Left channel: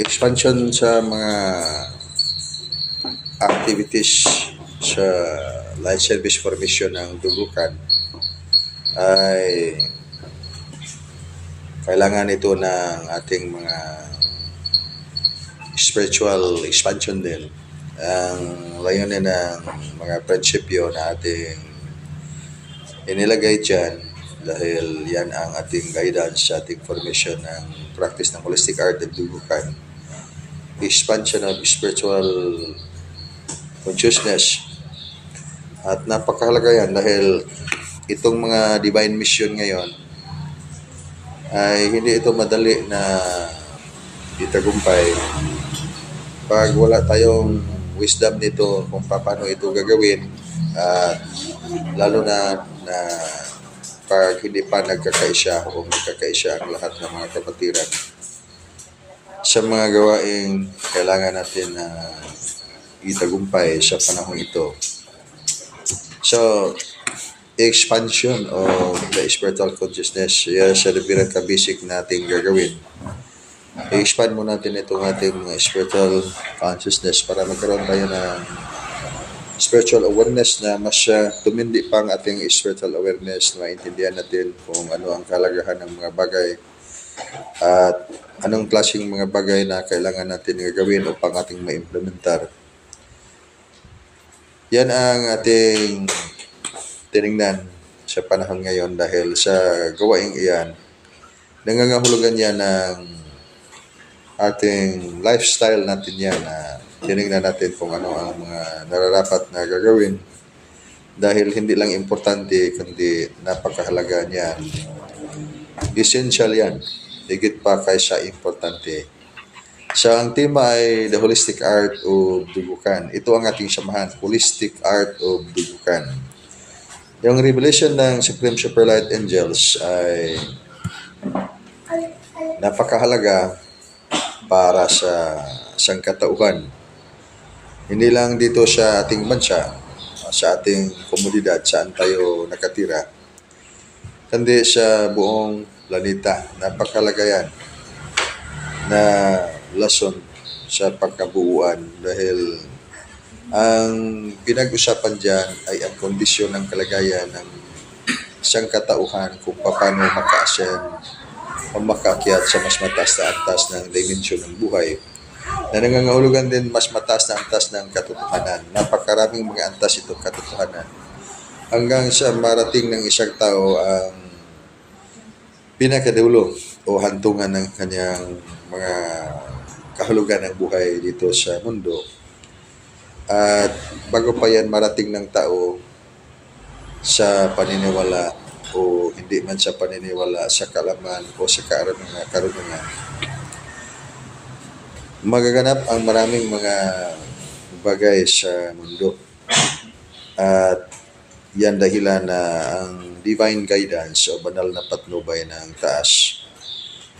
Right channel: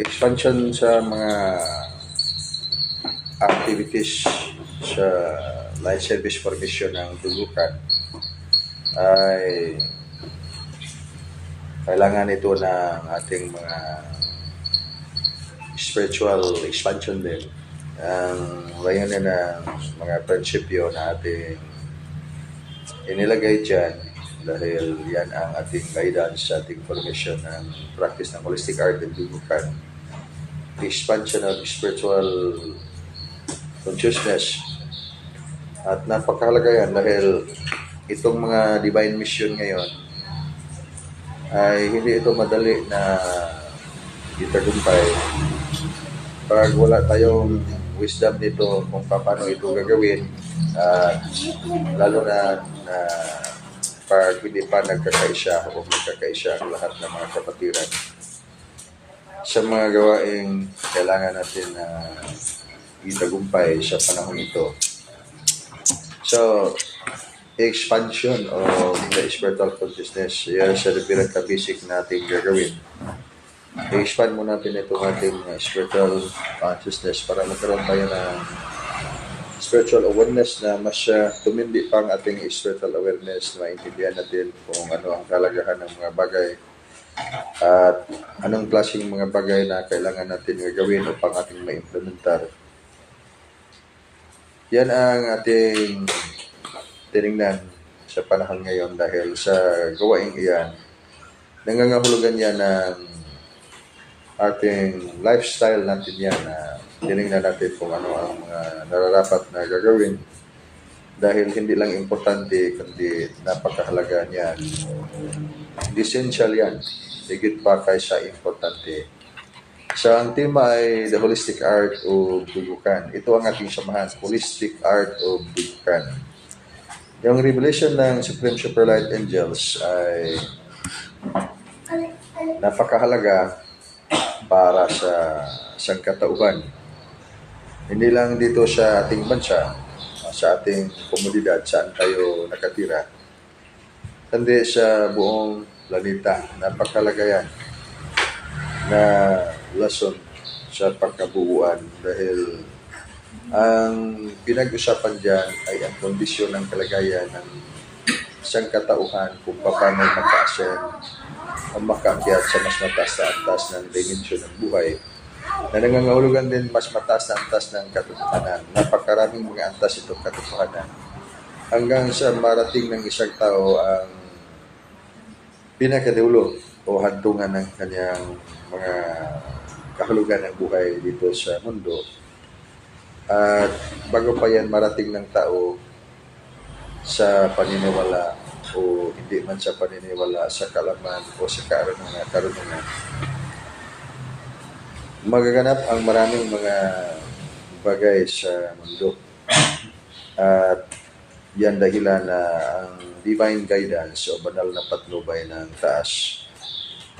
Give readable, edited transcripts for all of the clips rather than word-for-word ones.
expansion sa mga activities sa light service formation ng Dugukan ay kailangan ito ng ating mga spiritual expansion din. Ang layunin ng mga prinsipyo na ating inilagay dyan dahil yan ang ating guidance sa ating formation ng practice ng holistic art and Dugukan. The expansion of spiritual consciousness. At napakahalaga yan dahil itong mga divine mission ngayon ay hindi ito madali na itagumpay pag wala tayong wisdom nito kung paano ito gagawin, at lalo na pag hindi pa nagkakaisa o nagkakaisa ang lahat ng mga kapatiran sa mga gawaing kailangan natin na itagumpay sa panahon ito. So, expansion of the spiritual consciousness, yan siya na pinaka-basic nating gagawin. I-expand mo natin itong ating spiritual consciousness para magkaroon tayo ng spiritual awareness na mas tumindi pa ang ating spiritual awareness na maintindihan natin kung ano ang kalagahan ng mga bagay at anong klaseng mga bagay na kailangan natin gagawin upang ating ma-implementar. Yan ang ating tinignan sa panahon ngayon dahil sa gawaing iyan, nangangahulugan yan ng ating lifestyle natin yan na tinignan natin kung ano ang mga nararapat na gagawin dahil hindi lang importante kundi napakahalaga niyan. Essential yan, higit pa kaysa importante. So, ang tema ay The Holistic Art of Dugukan. Ito ang ating samahan, Holistic Art of Dugukan. Yung revelation ng Supreme Super Light Angels ay napakahalaga para sa sangkatauhan. Hindi lang dito sa ating bansa, sa ating komunidad, saan tayo nakatira, kundi sa buong planeta. Napakahalaga yan na lesson sa pagkabuuan dahil ang pinag-usapan dyan ay ang kondisyon ng kalagayan ng isang katauhan kung paano maka-ascend o makaakyat sa mas mataas na antas ng dimensyon ng buhay na nangangahulugan din mas mataas na antas ng katotohanan. Napakaraming mga antas itong katotohanan hanggang sa marating ng isang tao ang pinakadulo o hantungan ng kanyang mga kahulugan ng buhay dito sa mundo. At bago pa yan marating ng tao sa paniniwala o hindi man sa paniniwala, sa kalaman o sa karunungan, magaganap ang maraming mga bagay sa mundo. At yan dahilan na ang divine guidance o banal na patnubay ng taas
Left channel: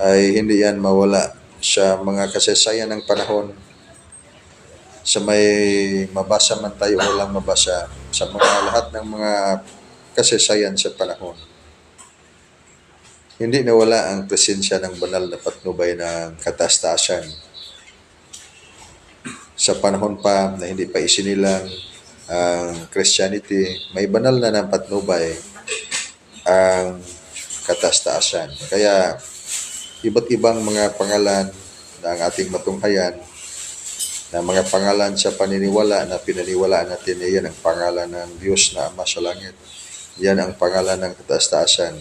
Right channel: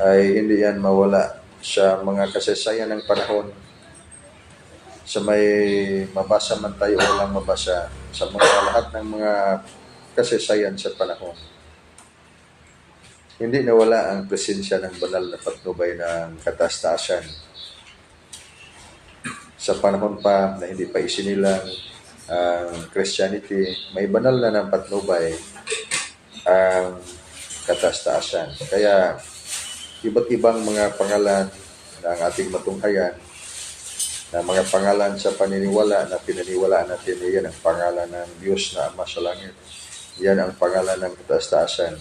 ay hindi yan mawala sa mga kasaysayan ng panahon, sa may mabasa man tayo o walang mabasa, sa mga lahat ng mga kasaysayan sa panahon. Hindi nawala ang presensya ng banal na patnubay ng kataas-taasan. Sa panahon pa na hindi pa isinilang ang Christianity, may banal na ng patnubay ang kataas-taasan. Kaya iba't ibang mga pangalan na ang ating matunghayan na mga pangalan sa paniniwala na pinaniwalaan natin, yan ang pangalan ng Diyos na Ama sa Langit. Yan ang pangalan ng kataas-taasan.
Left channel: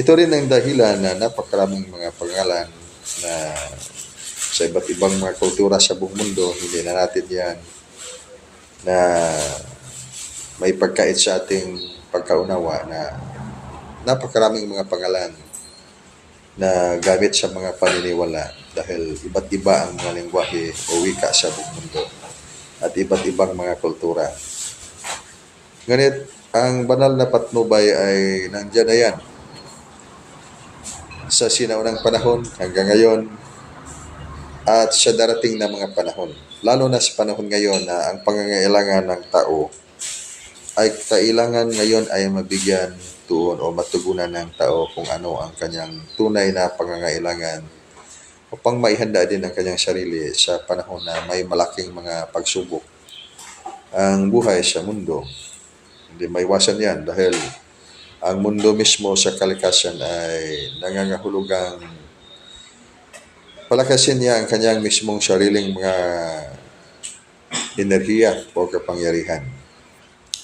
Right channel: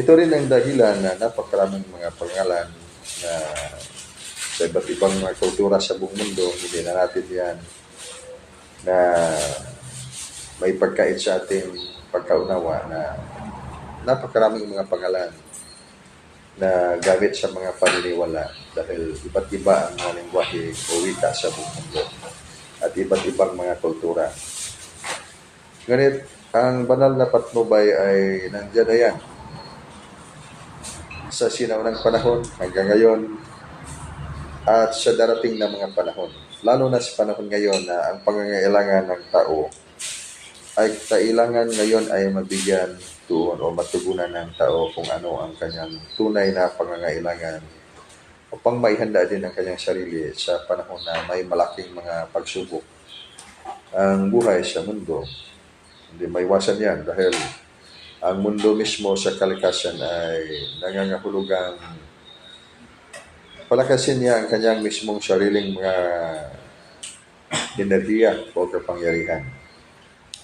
Ito rin ang dahilan na napakaraming mga pangalan na sa iba't ibang mga kultura sa buong mundo, hindi na natin yan na may pagkait sa ating pagkaunawa na napakaraming mga pangalan na gamit sa mga paniniwala dahil iba't iba ang mga lengguwahe o wika sa buong mundo at iba't ibang mga kultura. Ngunit ang banal na patnubay ay nandiyan na yan sa sinaunang panahon hanggang ngayon at sa darating na mga panahon. Lalo na sa panahon ngayon na ang pangangailangan ng tao ay kailangan ngayon ay mabigyan tuon o matugunan ng tao kung ano ang kanyang tunay na pangangailangan upang maihanda din ang kanyang sarili sa panahon na may malaking mga pagsubok ang buhay sa mundo. Hindi maiwasan yan dahil ang mundo mismo sa kalikasan ay nangangahulugang palakasin niya ang kanyang mismong sariling mga enerhiya o kapangyarihan.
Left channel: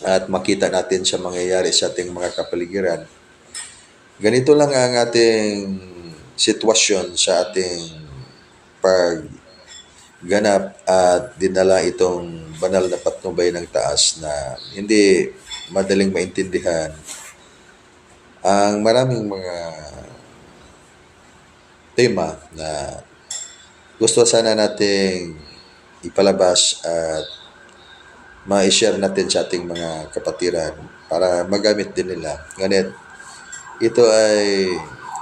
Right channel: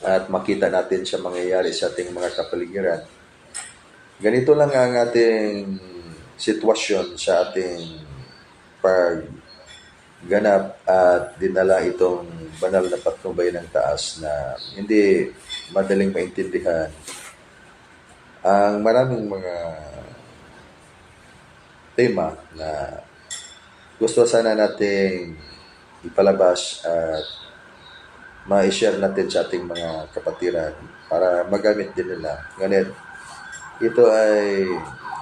At makita natin sa mangyayari sa ating mga kapaligiran. Ganito lang ang ating sitwasyon sa ating pagganap at dinala itong banal na patnubay ng taas na hindi madaling maintindihan ang maraming mga tema na gusto sana nating ipalabas at ma-share natin sa ating mga kapatiran para magamit din nila. Ngunit ito ay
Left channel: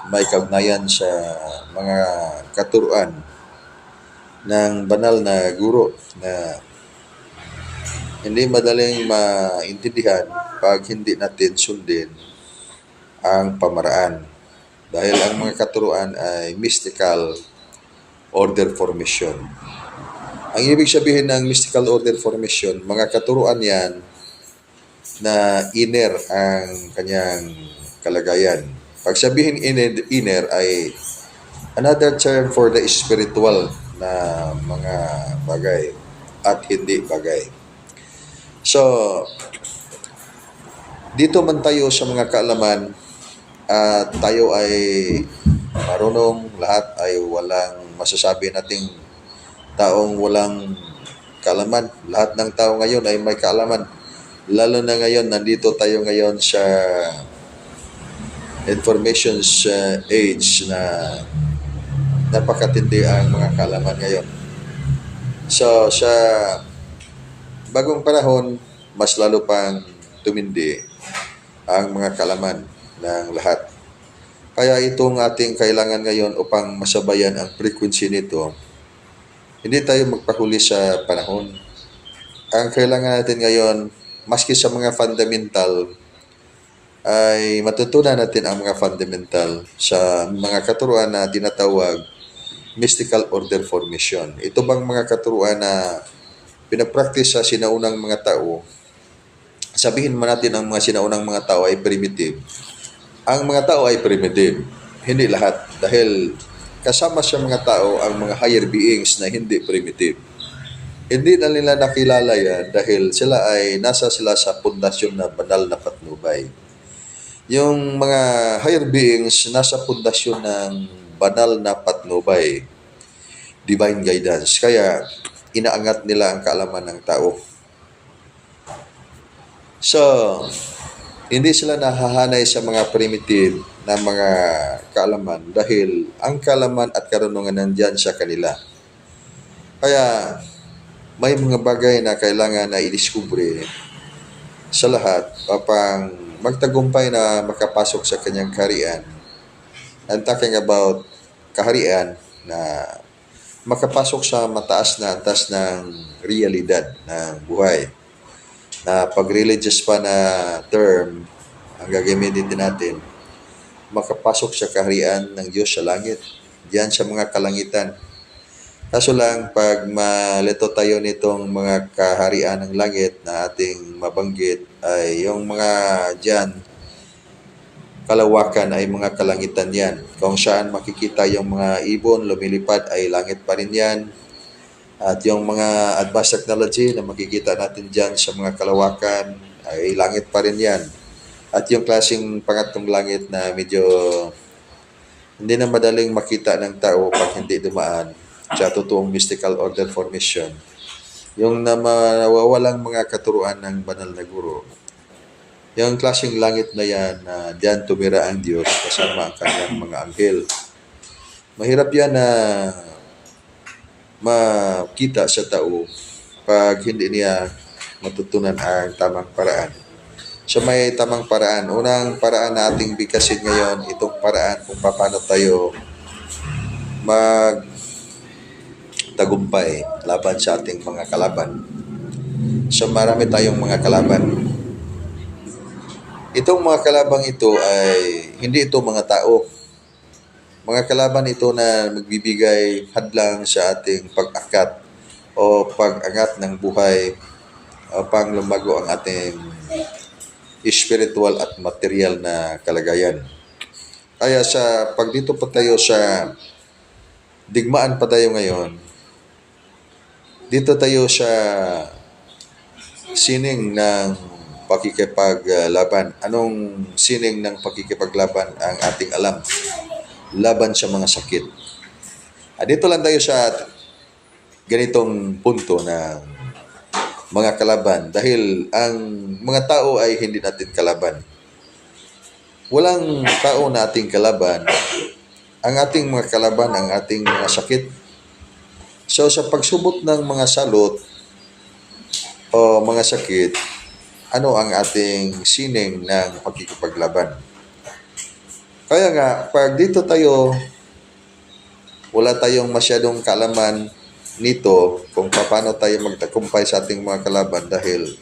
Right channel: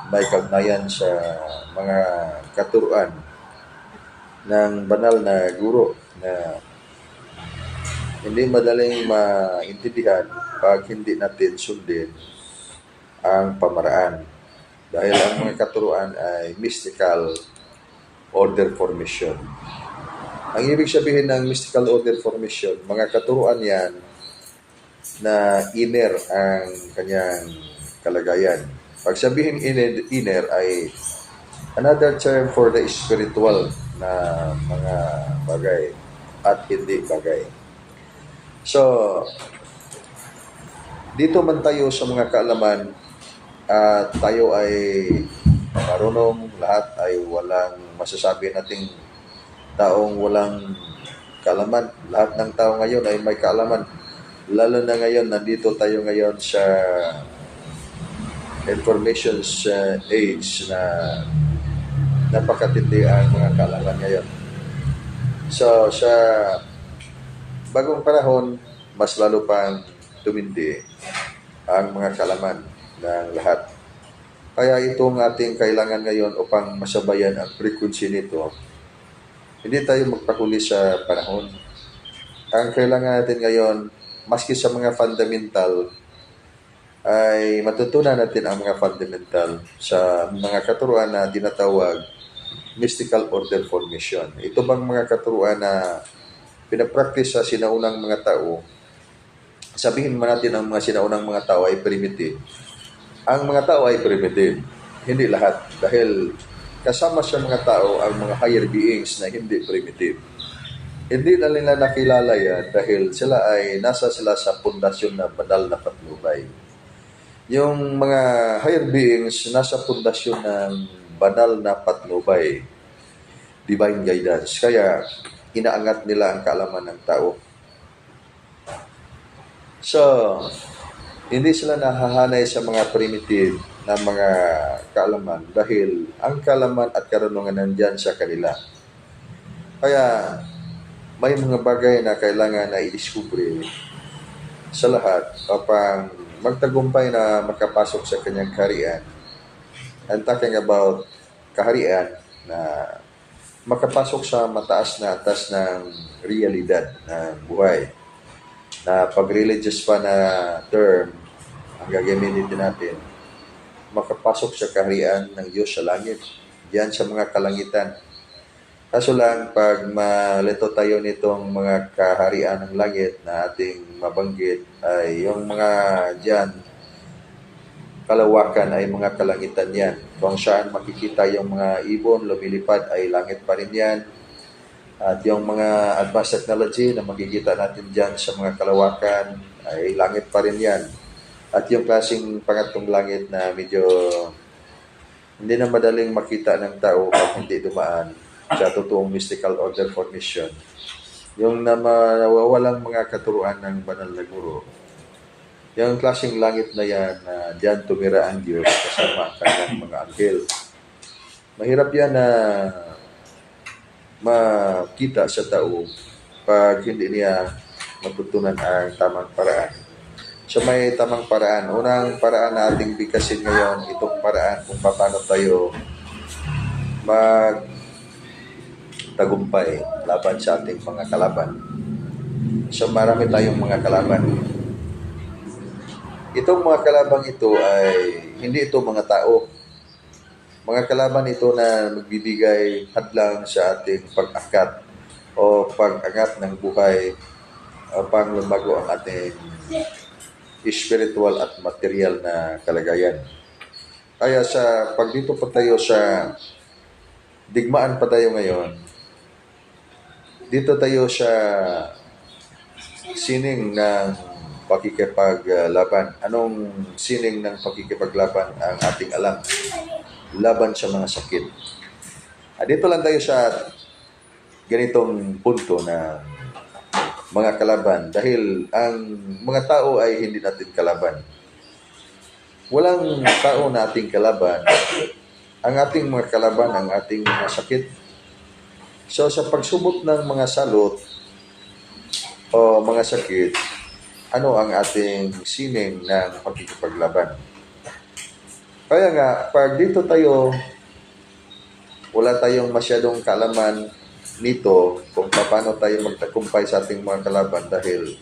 may kaugnayan sa mga katuruan ng banal na guro na hindi madaling maintindihan pag hindi natin sundin ang pamaraan. Dahil ang mga katuruan ay mystical order formation. Ang ibig sabihin ng mystical order formation, mga katuruan yan na inner ang kanyang kalagayan. Pag sabihin inner ay another term for the spiritual na mga bagay at hindi bagay. So, dito man tayo sa mga kaalaman at tayo ay marunong, lahat ay walang masasabi nating taong walang kaalaman. Lahat ng tao ngayon ay may kaalaman. Lalo na ngayon, nandito tayo ngayon sa information age na napakatindi ang mga kaalaman ngayon. So, sa bagong panahon, mas lalo pang tumindi ang mga kaalaman ng lahat. Kaya itong ating kailangan ngayon upang masabayan ang frequency nito, hindi tayo magpahuli sa panahon. Ang kailangan natin ngayon, maski sa mga fundamental, ay matutunan natin ang mga fundamental sa mga katuruan na tinatawag mystical order formation. Ito bang mga katuruan na pinapractice sa sinaunang mga tao? Sabihin mo natin ang mga sinaunang mga tao ay primitive. Ang mga tao ay primitive. Hindi lahat. Dahil kasama sa mga tao ang mga higher beings na hindi primitive. Hindi na nila nakilala yan dahil nasa sila sa pundasyon na banal na patnubay. Yung mga higher beings nasa pundasyon ng banal na patnubay, divine guidance. Kaya inaangat nila ang kaalaman ng tao. So, hindi sila nahahanay sa mga primitive na mga kaalaman dahil ang kaalaman at karunungan nandyan sa kanila. Kaya may mga bagay na kailangan na i-discover sa lahat upang magtagumpay na makapasok sa kanyang kaharian. I'm talking about kaharian na makapasok sa mataas na antas ng realidad ng buhay. Na pag-religious pa na term ang gagamitin natin, makapasok sa kaharian ng Diyos sa langit, diyan sa mga kalangitan. Kaso lang, pag malito tayo nitong mga kaharian ng langit na ating mabanggit, ay yung mga diyan, kalawakan ay mga kalangitan yan. Kung saan makikita yung mga ibon, lumilipad ay langit pa rin yan. At yung mga advanced technology na makikita natin dyan sa mga kalawakan ay langit pa rin yan. At yung klaseng pangatlong langit na medyo hindi na madaling makita ng tao pag hindi dumaan sa totoong mystical order formation. Yung nawawalang mga katuruan ng banal na guro. Yung klaseng langit na yan na diyan tumira ang Diyos kasama ang kanyang mga anghel. Mahirap yan na makita sa tao pag hindi niya matutunan ang tamang paraan. So may tamang paraan. Unang paraan na ating bigkasin ngayon, itong paraan kung paano tayo magtagumpay laban sa ating mga kalaban. So marami tayong mga kalaban. Itong mga kalabang ito ay hindi ito mga tao. Mga kalaban ito na nagbibigay hadlang sa ating pag-akat o pag-angat ng buhay upang lumago ang ating spiritual at material na kalagayan. Kaya sa pag dito pa tayo sa digmaan pa tayo ngayon, dito tayo sa sining ng pakikipaglaban. Anong sining ng pakikipaglaban ang ating alam? Laban sa mga sakit. Dito lang tayo sa ganitong punto na mga kalaban dahil ang mga tao ay hindi natin kalaban. Walang tao na ating kalaban. Ang ating mga kalaban, ang ating mga sakit. So sa pagsubot ng mga salot o mga sakit, ano ang ating sining ng pakikipaglaban? Kaya nga, pag dito tayo, wala tayong masyadong kaalaman nito kung paano tayo magtagumpay sa ating mga kalaban dahil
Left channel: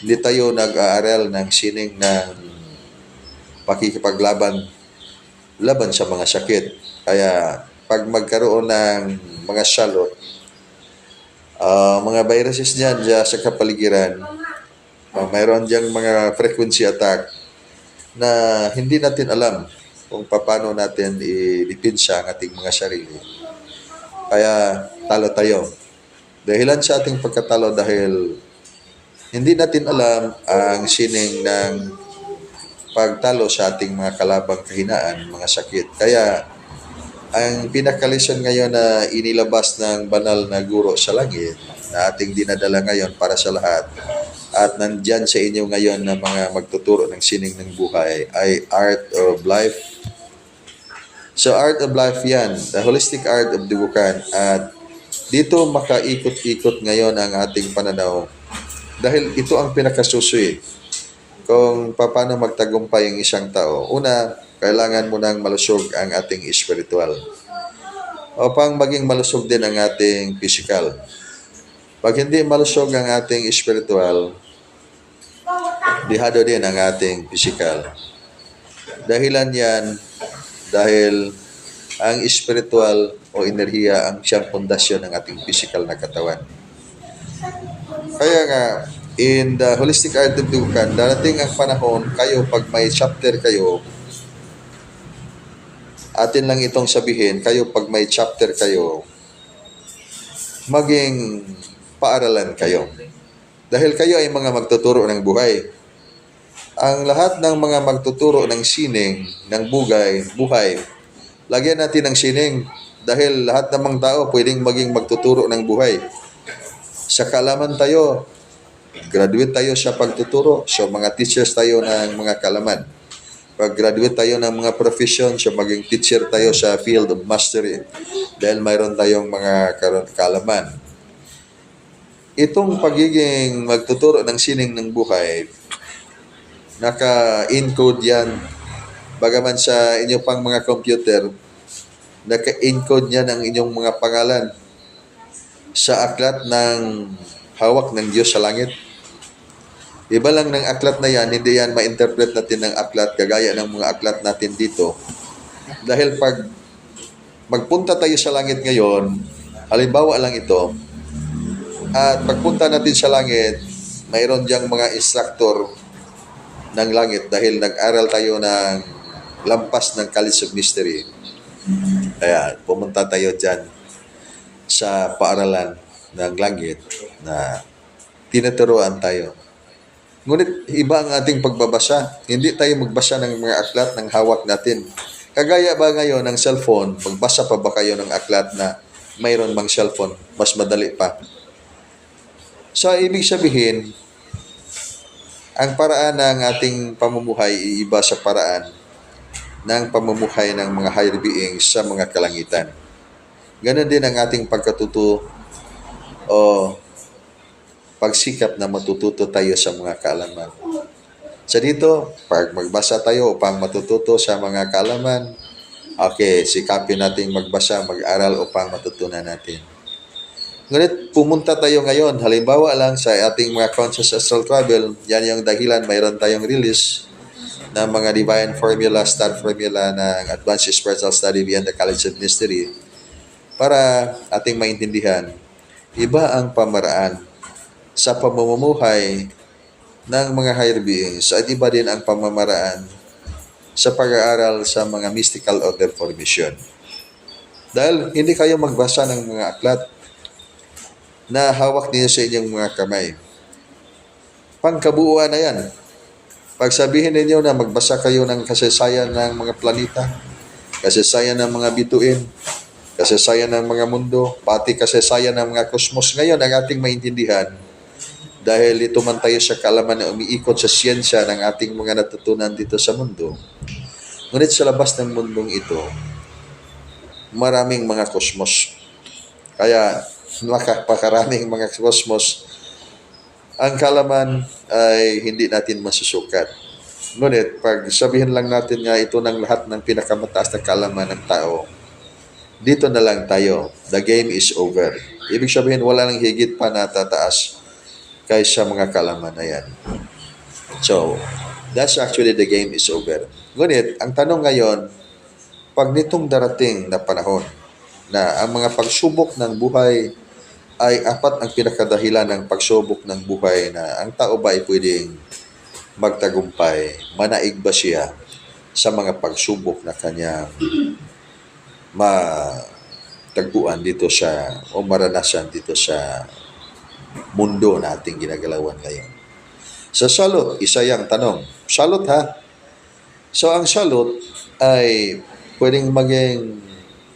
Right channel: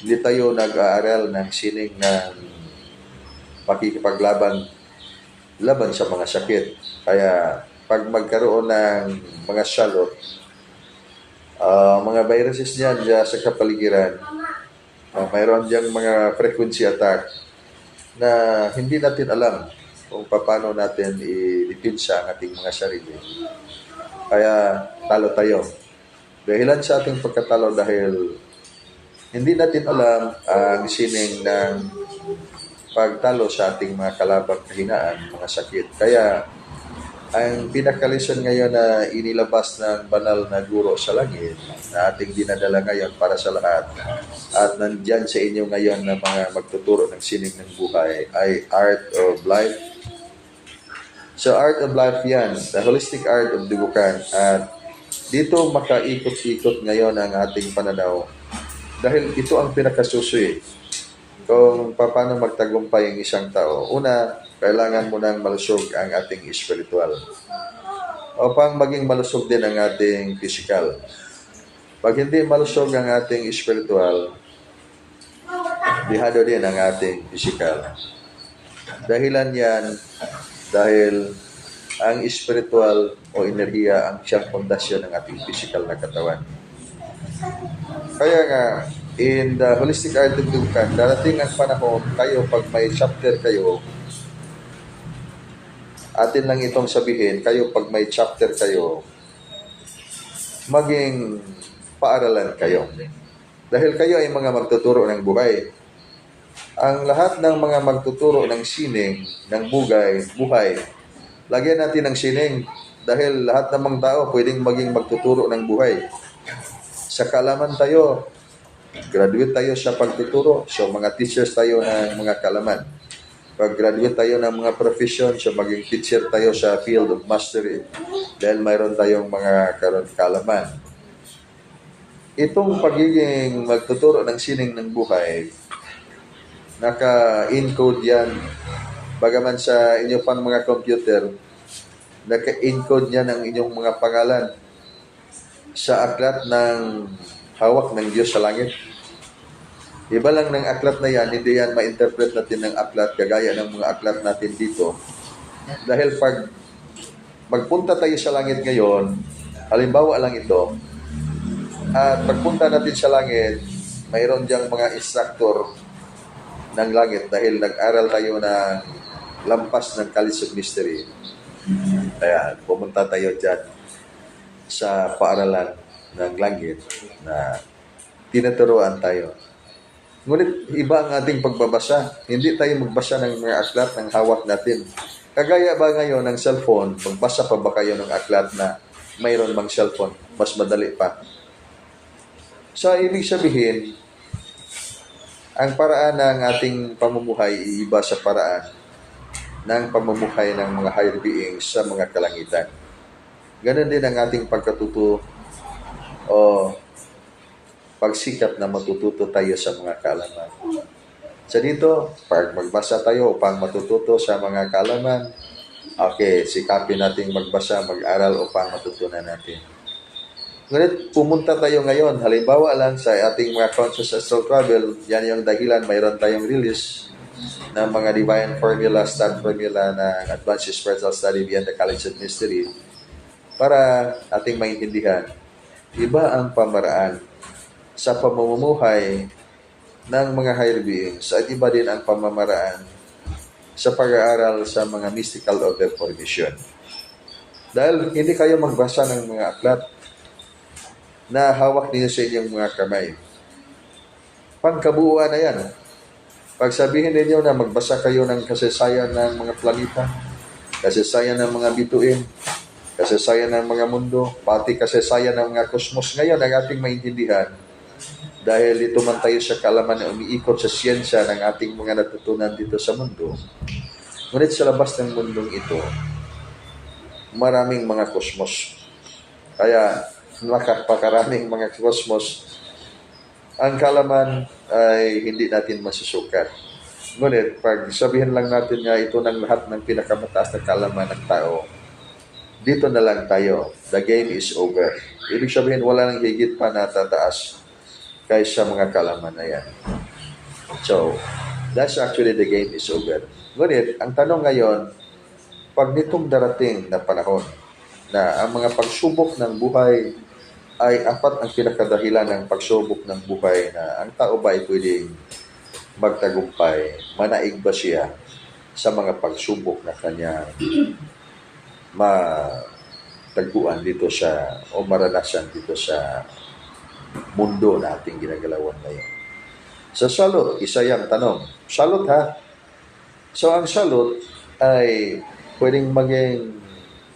hindi tayo nag-aaral ng sining ng pakikipaglaban laban sa mga sakit. Kaya pag magkaroon ng mga salot, mga viruses dyan sa kapaligiran, mayroon diyang mga frequency attack na hindi natin alam kung paano natin i-depensa ang ating mga sarili. Kaya talo tayo. Dahilan sa ating pagkatalo dahil hindi natin alam ang sining ng pagtalo sa ating mga kalabang kahinaan, mga sakit. Kaya ang pinaka-lesson ngayon na inilabas ng banal na guro sa langit na ating dinadala ngayon para sa lahat at nandyan sa inyo ngayon na mga magtuturo ng sining ng buhay ay Art of Life. So Art of Life yan, the holistic art of Dubukan. At dito makaikot-ikot ngayon ang ating pananaw dahil ito ang pinakasusuy kung paano magtagumpay ang isang tao. Una, kailangan mo nang malusog ang ating spiritual upang maging malusog din ang ating physical. Pag hindi malusog ang ating spiritual, dihado din ang ating physical. Dahilan yan dahil ang spiritual o enerhiya ang siyang pundasyon ng ating physical na katawan. Kaya nga, in the holistic art of Dubukan, darating ang panahon kayo pag may chapter kayo, atin lang itong sabihin, kayo pag may chapter kayo, maging paaralan kayo. Dahil kayo ay mga magtuturo ng buhay. Ang lahat ng mga magtuturo ng sining, ng buhay, lagyan natin ng sining. Dahil lahat ng mga tao pwedeng maging magtuturo ng buhay. Sa kaalaman tayo, graduate tayo sa pagtuturo. So mga teachers tayo ng mga kaalaman. Pag graduate tayo ng mga profession, so maging teacher tayo sa field of mastery. Dahil mayroon tayong mga kaalaman. Itong pagiging magtuturo ng sining ng buhay, naka-encode yan. Bagaman sa inyo pang mga computer, naka-encode yan ang inyong mga pangalan sa aklat ng hawak ng Diyos sa langit. Iba lang ng aklat na yan, hindi yan ma-interpret natin ng aklat kagaya ng mga aklat natin dito. Dahil pag magpunta tayo sa langit ngayon, halimbawa lang ito, at pagpunta natin sa langit, mayroon diyang mga instructor ng langit dahil nag-aral tayo ng lampas ng College of Mystery. Kaya pumunta tayo dyan sa paaralan ng langit na tinuturuan tayo. Ngunit iba ang ating pagbabasa. Hindi tayo magbasa ng mga aklat ng hawak natin. Kagaya ba ngayon ng cellphone, magbasa pa ba kayo ng aklat na mayroon bang cellphone? Mas madali pa. So, ibig sabihin, ang paraan ng ating pamumuhay iiba sa paraan ng pamumuhay ng mga higher beings sa mga kalangitan. Ganon din ang ating pagkatuto o pagsikap na matututo tayo sa mga kaalaman. Sa dito, pag magbasa tayo upang matututo sa mga kaalaman, okay, sikapin natin magbasa, mag-aral upang matutunan natin. Ngunit pumunta tayo ngayon, halimbawa lang sa ating mga conscious astral travel, yan yung dahilan, mayroon tayong release ng mga divine formula, star formula ng Advanced Spiritual Study Beyond the College of Mystery para ating maintindihan, iba ang pamaraan sa pamumuhay ng mga higher beings at iba din ang pamamaraan sa pag-aaral sa mga mystical order formation. Dahil hindi kayo magbasa ng mga aklat na hawak niyo sa inyong mga kamay. Pangkabuuan na yan. Pag sabihin ninyo na magbasa kayo ng kasaysayan ng mga planeta, kasaysayan ng mga bituin, kasaysayan ng mga mundo, pati kasaysayan ng mga kosmos, ngayon ang ating maintindihan, dahil ito man tayo sa kaalaman na umiikot sa siyensya ng ating mga natutunan dito sa mundo, ngunit sa labas ng mundong ito, maraming mga kosmos. Kaya, napakaraming mga kosmos, ang kaalaman ay hindi natin masusukat. Ngunit, pag sabihin lang natin nga ito ng lahat ng pinakamataas na kaalaman ng tao, dito na lang tayo. The game is over. Ibig sabihin, wala nang higit pa na tataas kaysa mga kaalaman na yan. So, that's actually the game is over. Ngunit, ang tanong ngayon, pag nitong darating na panahon na ang mga pagsubok ng buhay ay apat ang pinakadahilan ng pagsubok ng buhay na ang tao ba ay pwedeng magtagumpay, manaig ba siya sa mga pagsubok na kanyang matagpuan dito sa o maranasan dito sa mundo na ating ginagalawan ngayon. Sa salot, isa yung tanong. Salot ha? So ang salot ay pwedeng maging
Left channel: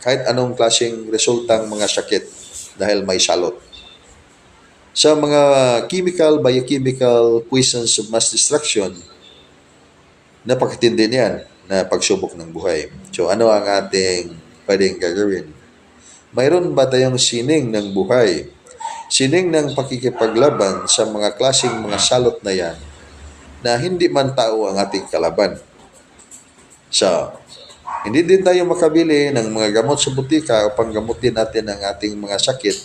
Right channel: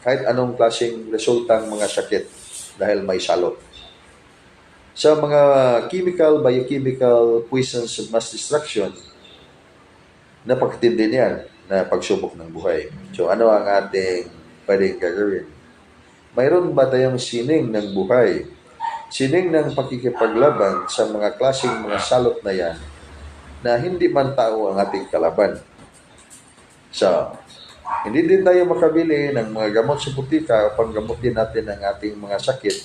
kahit anong klaseng resultang mga sakit dahil may salot. Sa mga chemical, biochemical poisons of mass destruction, napakatindi niyan na pagsubok ng buhay. So ano ang ating pwedeng gagawin? Mayroon ba tayong sining ng buhay? Sining ng pakikipaglaban sa mga klaseng mga salot na yan na hindi man tao ang ating kalaban. So, hindi din tayo makabili ng mga gamot sa butika upang gamutin natin ang ating mga sakit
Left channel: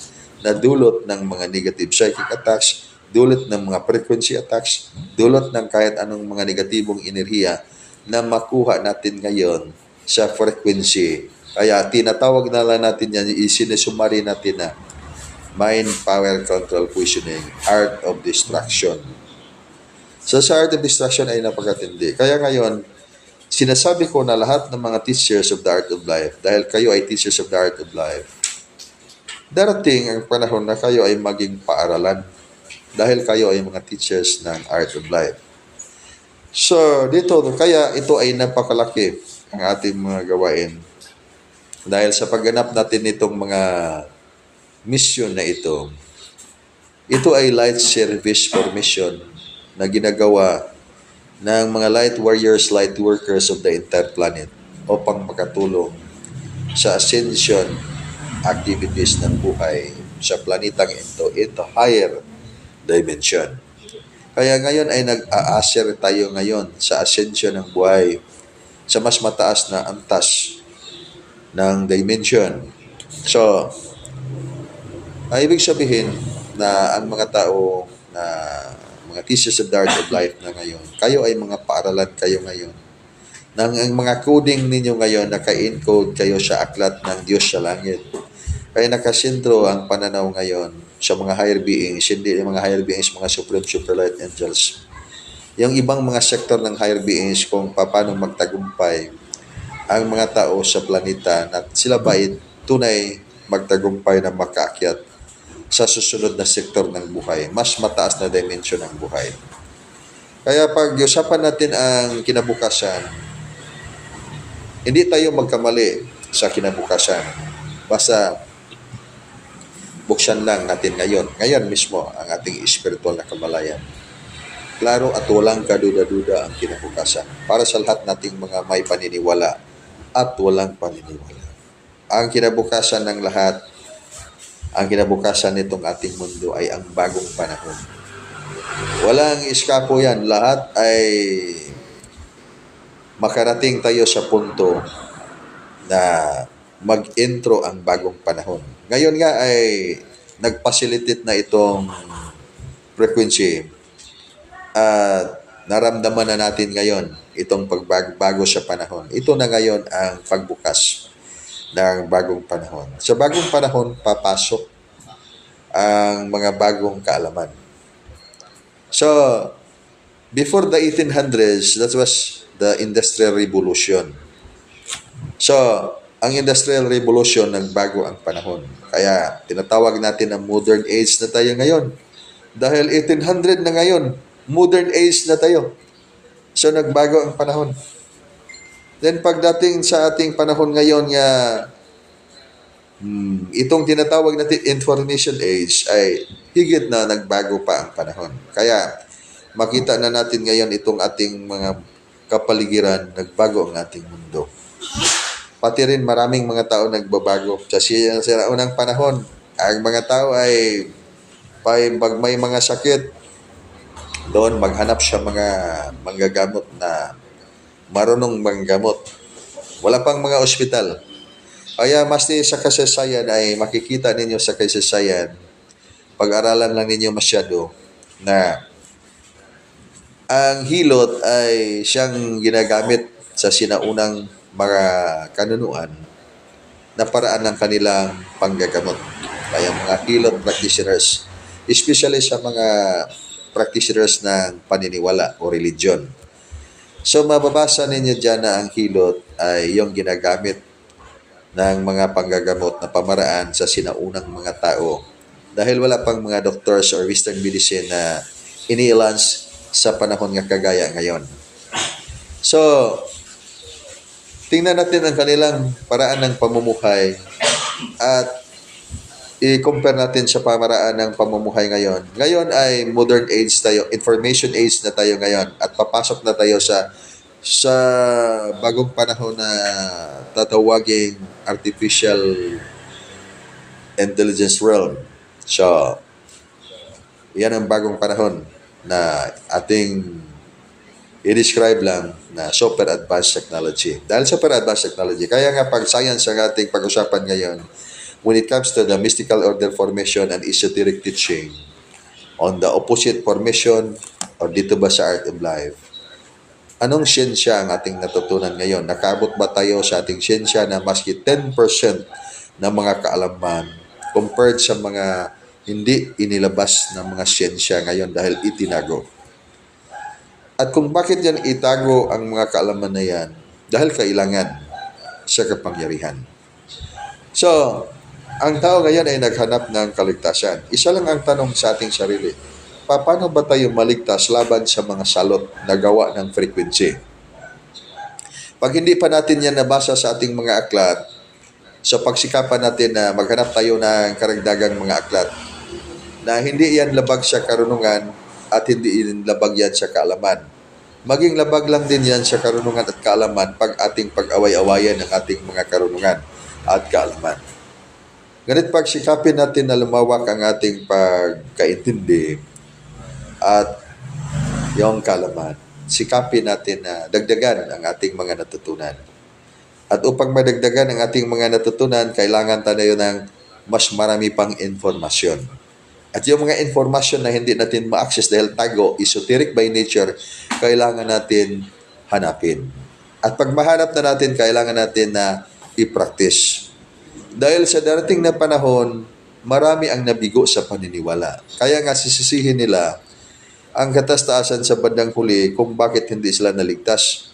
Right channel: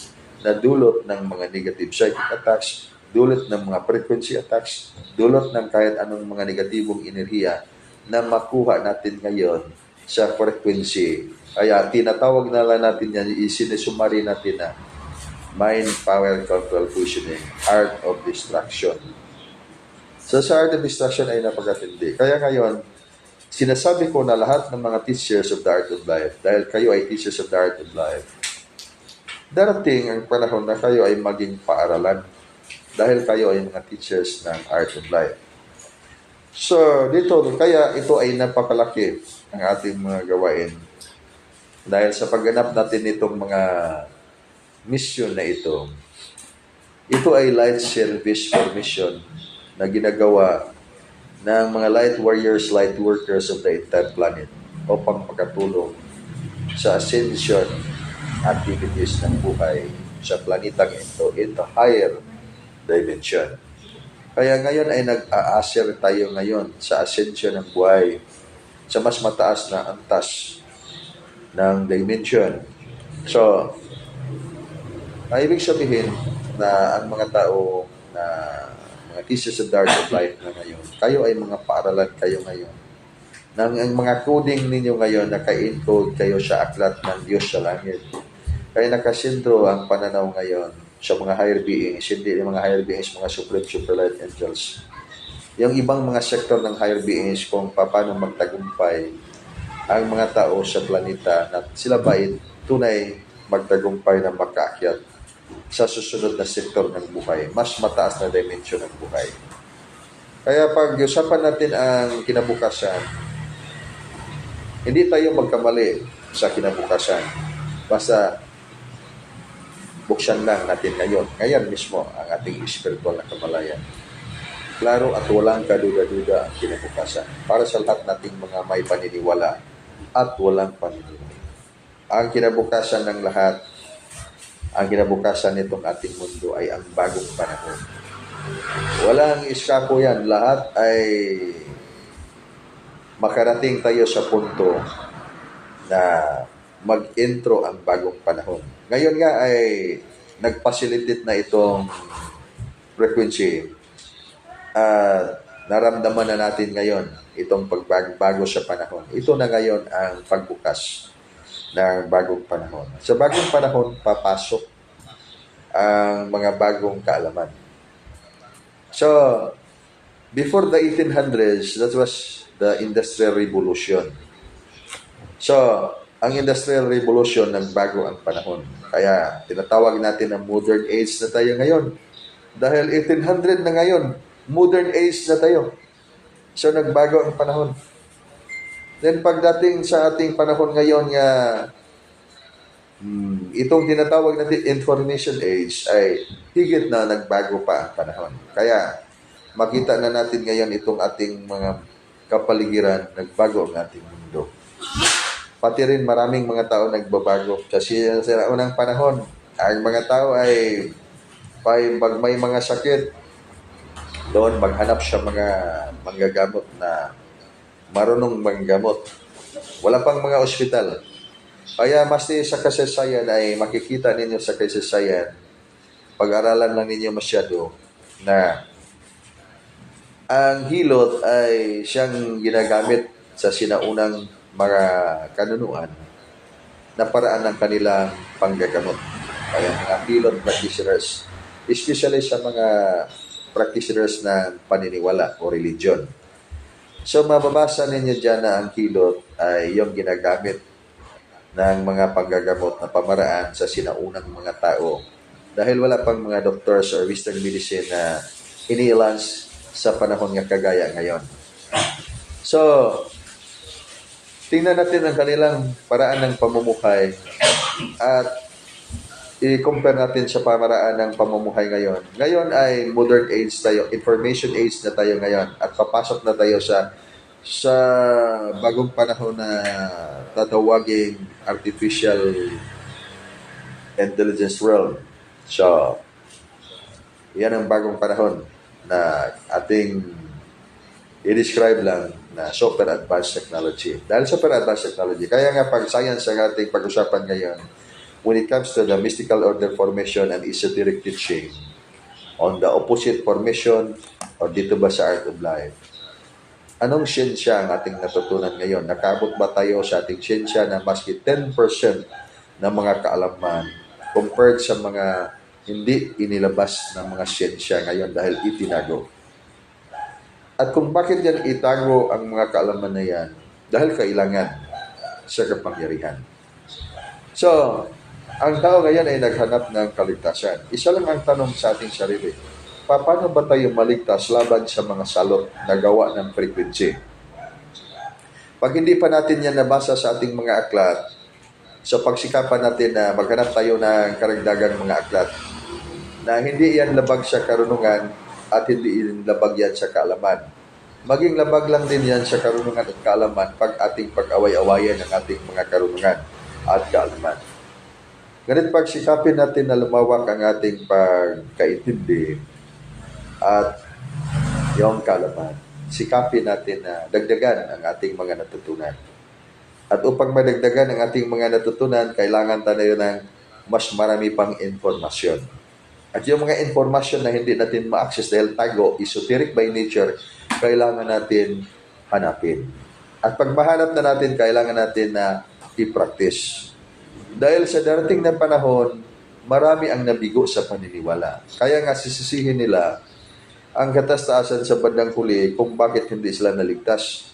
na dulot ng mga negative psychic attacks, dulot ng mga frequency attacks, dulot ng kahit anong mga negatibong enerhiya na makuha natin ngayon sa frequency. Kaya tinatawag na lang natin yan, isinesumari natin na mind, power, control, fusioning, art of destruction. So sa art of destruction ay napakatindi. Kaya ngayon, sinasabi ko na lahat ng mga teachers of the art of life, dahil kayo ay teachers of the art of life, darating ang panahon na kayo ay maging paaralan dahil kayo ay mga teachers ng art of life. So dito, kaya ito ay napakalaki ang ating mga gawain. Dahil sa pagganap natin nitong mga mission na ito ay light service for mission na ginagawa ng mga light warriors, light workers of the entire planet upang makatulong sa ascension activities ng buhay sa planetang ito into higher dimension. Kaya ngayon ay nag-a-ascer tayo ngayon sa ascension ng buhay sa mas mataas na antas ng dimension. So, ay ibig sabihin na ang mga tao na mga teachers of the art of life na ngayon, kayo ay mga paaralan kayo ngayon. Nang ang mga coding ninyo ngayon, naka-encode kayo sa aklat ng Diyos sa langit. Kaya nakasentro ang pananaw ngayon sa mga higher beings, hindi yung mga higher beings, mga supreme superlight angels. Yung ibang mga sektor ng higher beings kung paano magtagumpay ang mga tao sa planeta na sila ba ay tunay magtagumpay na makaakyat sa susunod na sektor ng buhay, mas mataas na dimension ng buhay. Kaya pag-usapan natin ang kinabukasan, hindi tayo magkamali sa kinabukasan. Basta buksan lang natin ngayon mismo ang ating spiritual na kamalayan. Klaro at walang kaduda-duda ang kinabukasan para sa lahat nating mga may paniniwala at walang paniniwala. Ang kinabukasan ng lahat, ang kinabukasan nitong ating mundo ay ang bagong panahon. Walang iskapo yan. Lahat ay makarating tayo sa punto na mag-intro ang bagong panahon. Ngayon nga ay nag-facilitate na itong frequency at naramdaman na natin ngayon itong pagbago sa panahon. Ito na ngayon ang pagbukas ng bagong panahon. Sa bagong panahon, papasok ang mga bagong kaalaman. So, before the 1800s, that was the Industrial Revolution. So, ang Industrial Revolution, nagbago ang panahon. Kaya, tinatawag natin na modern age na tayo ngayon. Dahil 1800 na ngayon, modern age na tayo. So, nagbago ang panahon. Then, pagdating sa ating panahon ngayon nga, itong tinatawag natin information age ay higit na nagbago pa ang panahon. Kaya, makita na natin ngayon itong ating mga kapaligiran, nagbago ang ating mundo. Pati rin maraming mga tao nagbabago. Sa unang panahon, ang mga tao ay pag may mga sakit, doon maghanap siya mga manggagamot na marunong manggamot. Wala pang mga ospital. Kaya mas sa kasaysayan ay makikita ninyo sa kasaysayan, pag-aralan lang ninyo masyado na ang hilot ay siyang ginagamit sa sinaunang mga kanunuan na paraan ng kanilang panggagamot. Kaya mga hilot practitioners, especially sa mga practitioners ng paniniwala o religion. So mababasa ninyo dyan na ang hilot ay yung ginagamit ng mga panggagamot na pamaraan sa sinaunang mga tao. Dahil wala pang mga doctors or western medicine na ini-launch sa panahon nga kagaya ngayon. So, tingnan natin ang kanilang paraan ng pamumuhay at i-compare natin sa pamaraan ng pamumuhay ngayon. Ngayon ay modern age tayo, information age na tayo ngayon at papasok na tayo sa bagong panahon na tatawaging artificial intelligence realm. So, yan ang bagong panahon na ating i-describe lang na super advanced technology. Dahil super advanced technology, kaya nga pag science ang ating pag-usapan ngayon, when it comes to the mystical order formation and esoteric teaching on the opposite formation or dito ba sa art of life, anong siyensya ang ating natutunan ngayon? Nakaabot ba tayo sa ating siyensya na maski 10% ng mga kaalaman compared sa mga hindi inilabas ng mga siyensya ngayon dahil itinago? At kung bakit yan itago ang mga kaalaman na yan? Dahil kailangan sa kapangyarihan. So, ang tao ngayon ay naghanap ng kaligtasan. Isa lang ang tanong sa ating sarili. Paano ba tayo maligtas laban sa mga salot na gawa ng frequency? Pag hindi pa natin yan nabasa sa ating mga aklat, sa pagsikapan natin na maghanap tayo ng karagdagang mga aklat, na hindi yan labag sa karunungan at hindi yan labag yan sa kaalaman. Maging labag lang din yan sa karunungan at kaalaman pag ating pag-away-awayan ng ating mga karunungan at kaalaman. Ganit pagsikapin natin na lumawak ang ating pagkaintindi at yung kaalaman. Sikapin natin na dagdagan ang ating mga natutunan. At upang madagdagan ang ating mga natutunan, kailangan tayo ng mas marami pang informasyon. At yung mga informasyon na hindi natin ma-access dahil tago, esoteric by nature, kailangan natin hanapin. At pag mahanap na natin, kailangan natin na i-practice. Dahil sa darating na panahon, marami ang nabigo sa paniniwala. Kaya nga sisisihin nila ang katastaasan sa bandang huli kung bakit hindi sila naligtas.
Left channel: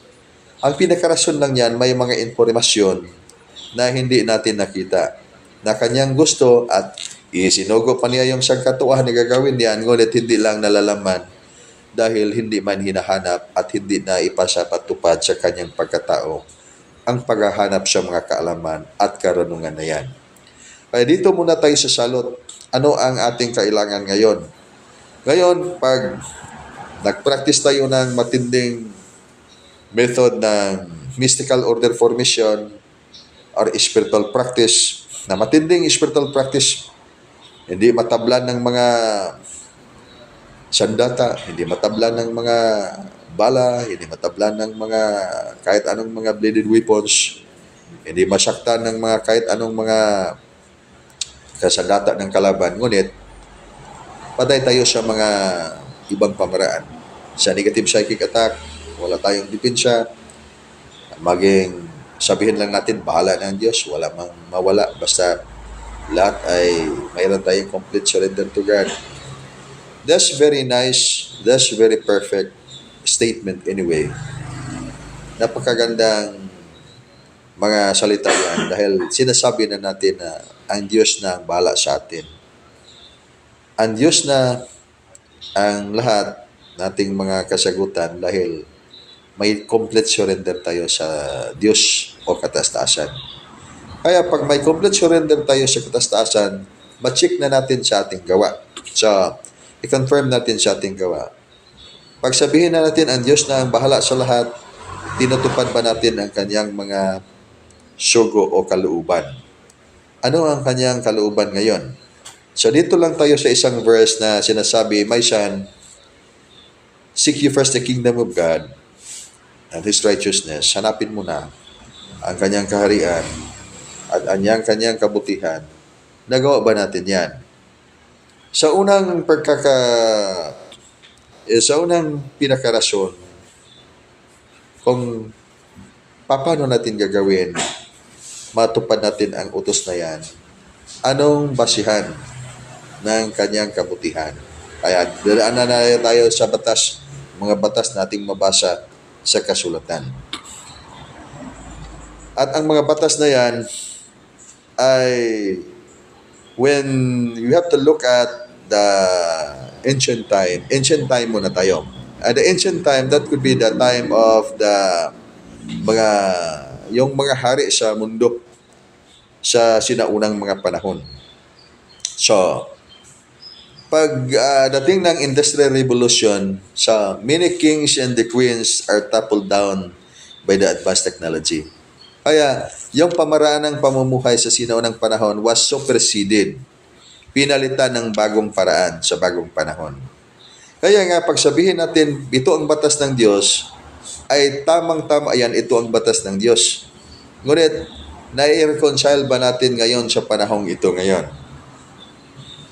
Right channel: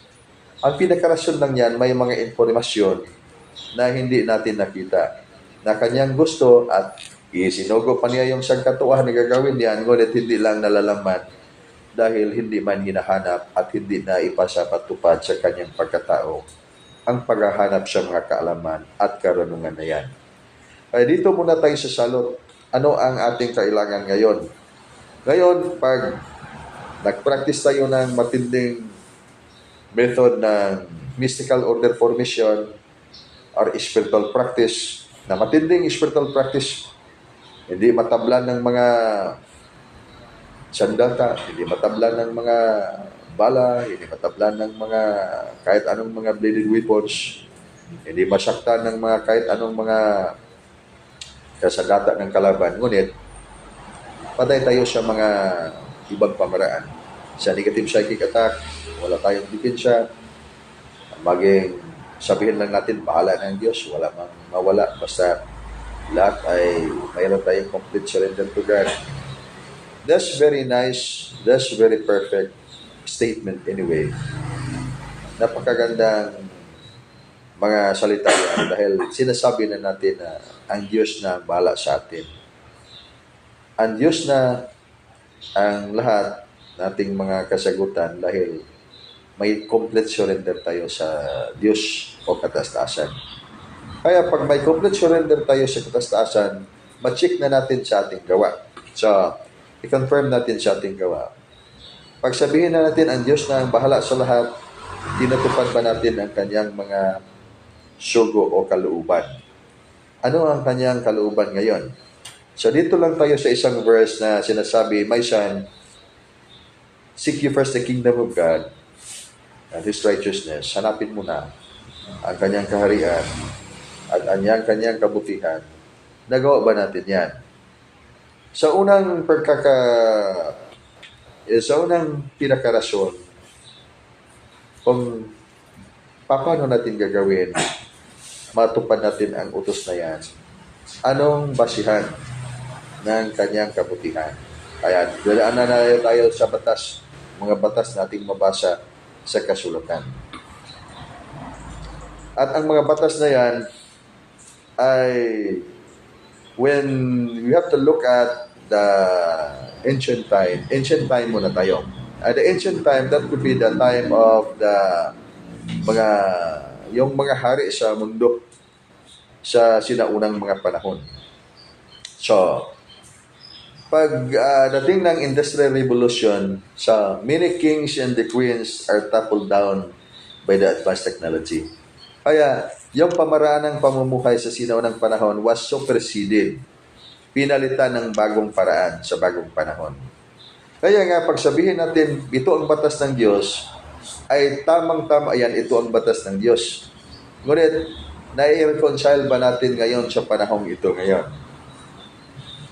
Ang pinakarason lang yan, may mga informasyon na hindi natin nakita, na kanyang gusto at isinugo pa niya yung sangkatuan na gagawin niyan, ngunit hindi lang nalalaman dahil hindi man hinahanap at hindi na ipasapatupad sa kanyang pagkatao ang paghahanap sa mga kaalaman at karunungan na yan. Kaya dito muna tayo sa salot. Ano ang ating kailangan ngayon? Ngayon, pag nag-practice tayo ng matinding method ng mystical order formation or spiritual practice, na matinding spiritual practice, hindi matablan ng mga sandata, hindi matablan ng mga bala, hindi matablan ng mga kahit anong mga bladed weapons, hindi masaktan ng mga kahit anong mga kasandata ng kalaban. Ngunit, patay tayo sa mga ibang pamaraan. sa negative psychic attack, wala tayong dipensya. Maging sabihin lang natin, bahala ng Diyos, wala mang mawala. Basta lahat ay mayroon tayong complete surrender to God. That's very nice. That's very perfect statement anyway. Napakagandang mga salita yan dahil sinasabi na natin na ang Diyos na ang bahala sa atin. Ang Diyos na ang lahat nating mga kasagutan dahil may complete surrender tayo sa Diyos o kataas-taasan. Kaya pag may complete surrender tayo sa kataas-taasan, ma-check na natin sa ating gawa. So, i-confirm natin sa ating gawa. Pag sabihin na natin ang Diyos na ang bahala sa lahat, tinutupad ba natin ang kanyang mga sugo o kalooban? Ano ang kanyang kalooban ngayon? So dito lang tayo sa isang verse na sinasabi, my son, seek you first the kingdom of God and His righteousness. Hanapin mo na ang kanyang kaharian at kanyang kabutihan. Nagawa ba natin yan? Sa unang pinakarason, kung paano natin gagawin, matupad natin ang utos na yan, anong basihan ng kanyang kabutihan? Kaya dadaanan na tayo sa batas, mga batas nating mabasa sa kasulatan. At ang mga batas na yan ay when you have to look at the ancient time muna tayo. At the ancient time, that could be the time of yung mga hari sa mundo sa sinaunang mga panahon. So, pag dating ng Industrial Revolution, so many kings and the queens are toppled down by the advanced technology. Kaya, yung pamaraan ng pamumuhay sa sinaunang panahon was superseded. Pinalitan ng bagong paraan sa bagong panahon. Kaya nga, pag sabihin natin, ito ang batas ng Diyos, ay tamang-tama, ayan, ito ang batas ng Diyos. Ngunit, nai-reconcile ba natin ngayon sa panahong ito ngayon?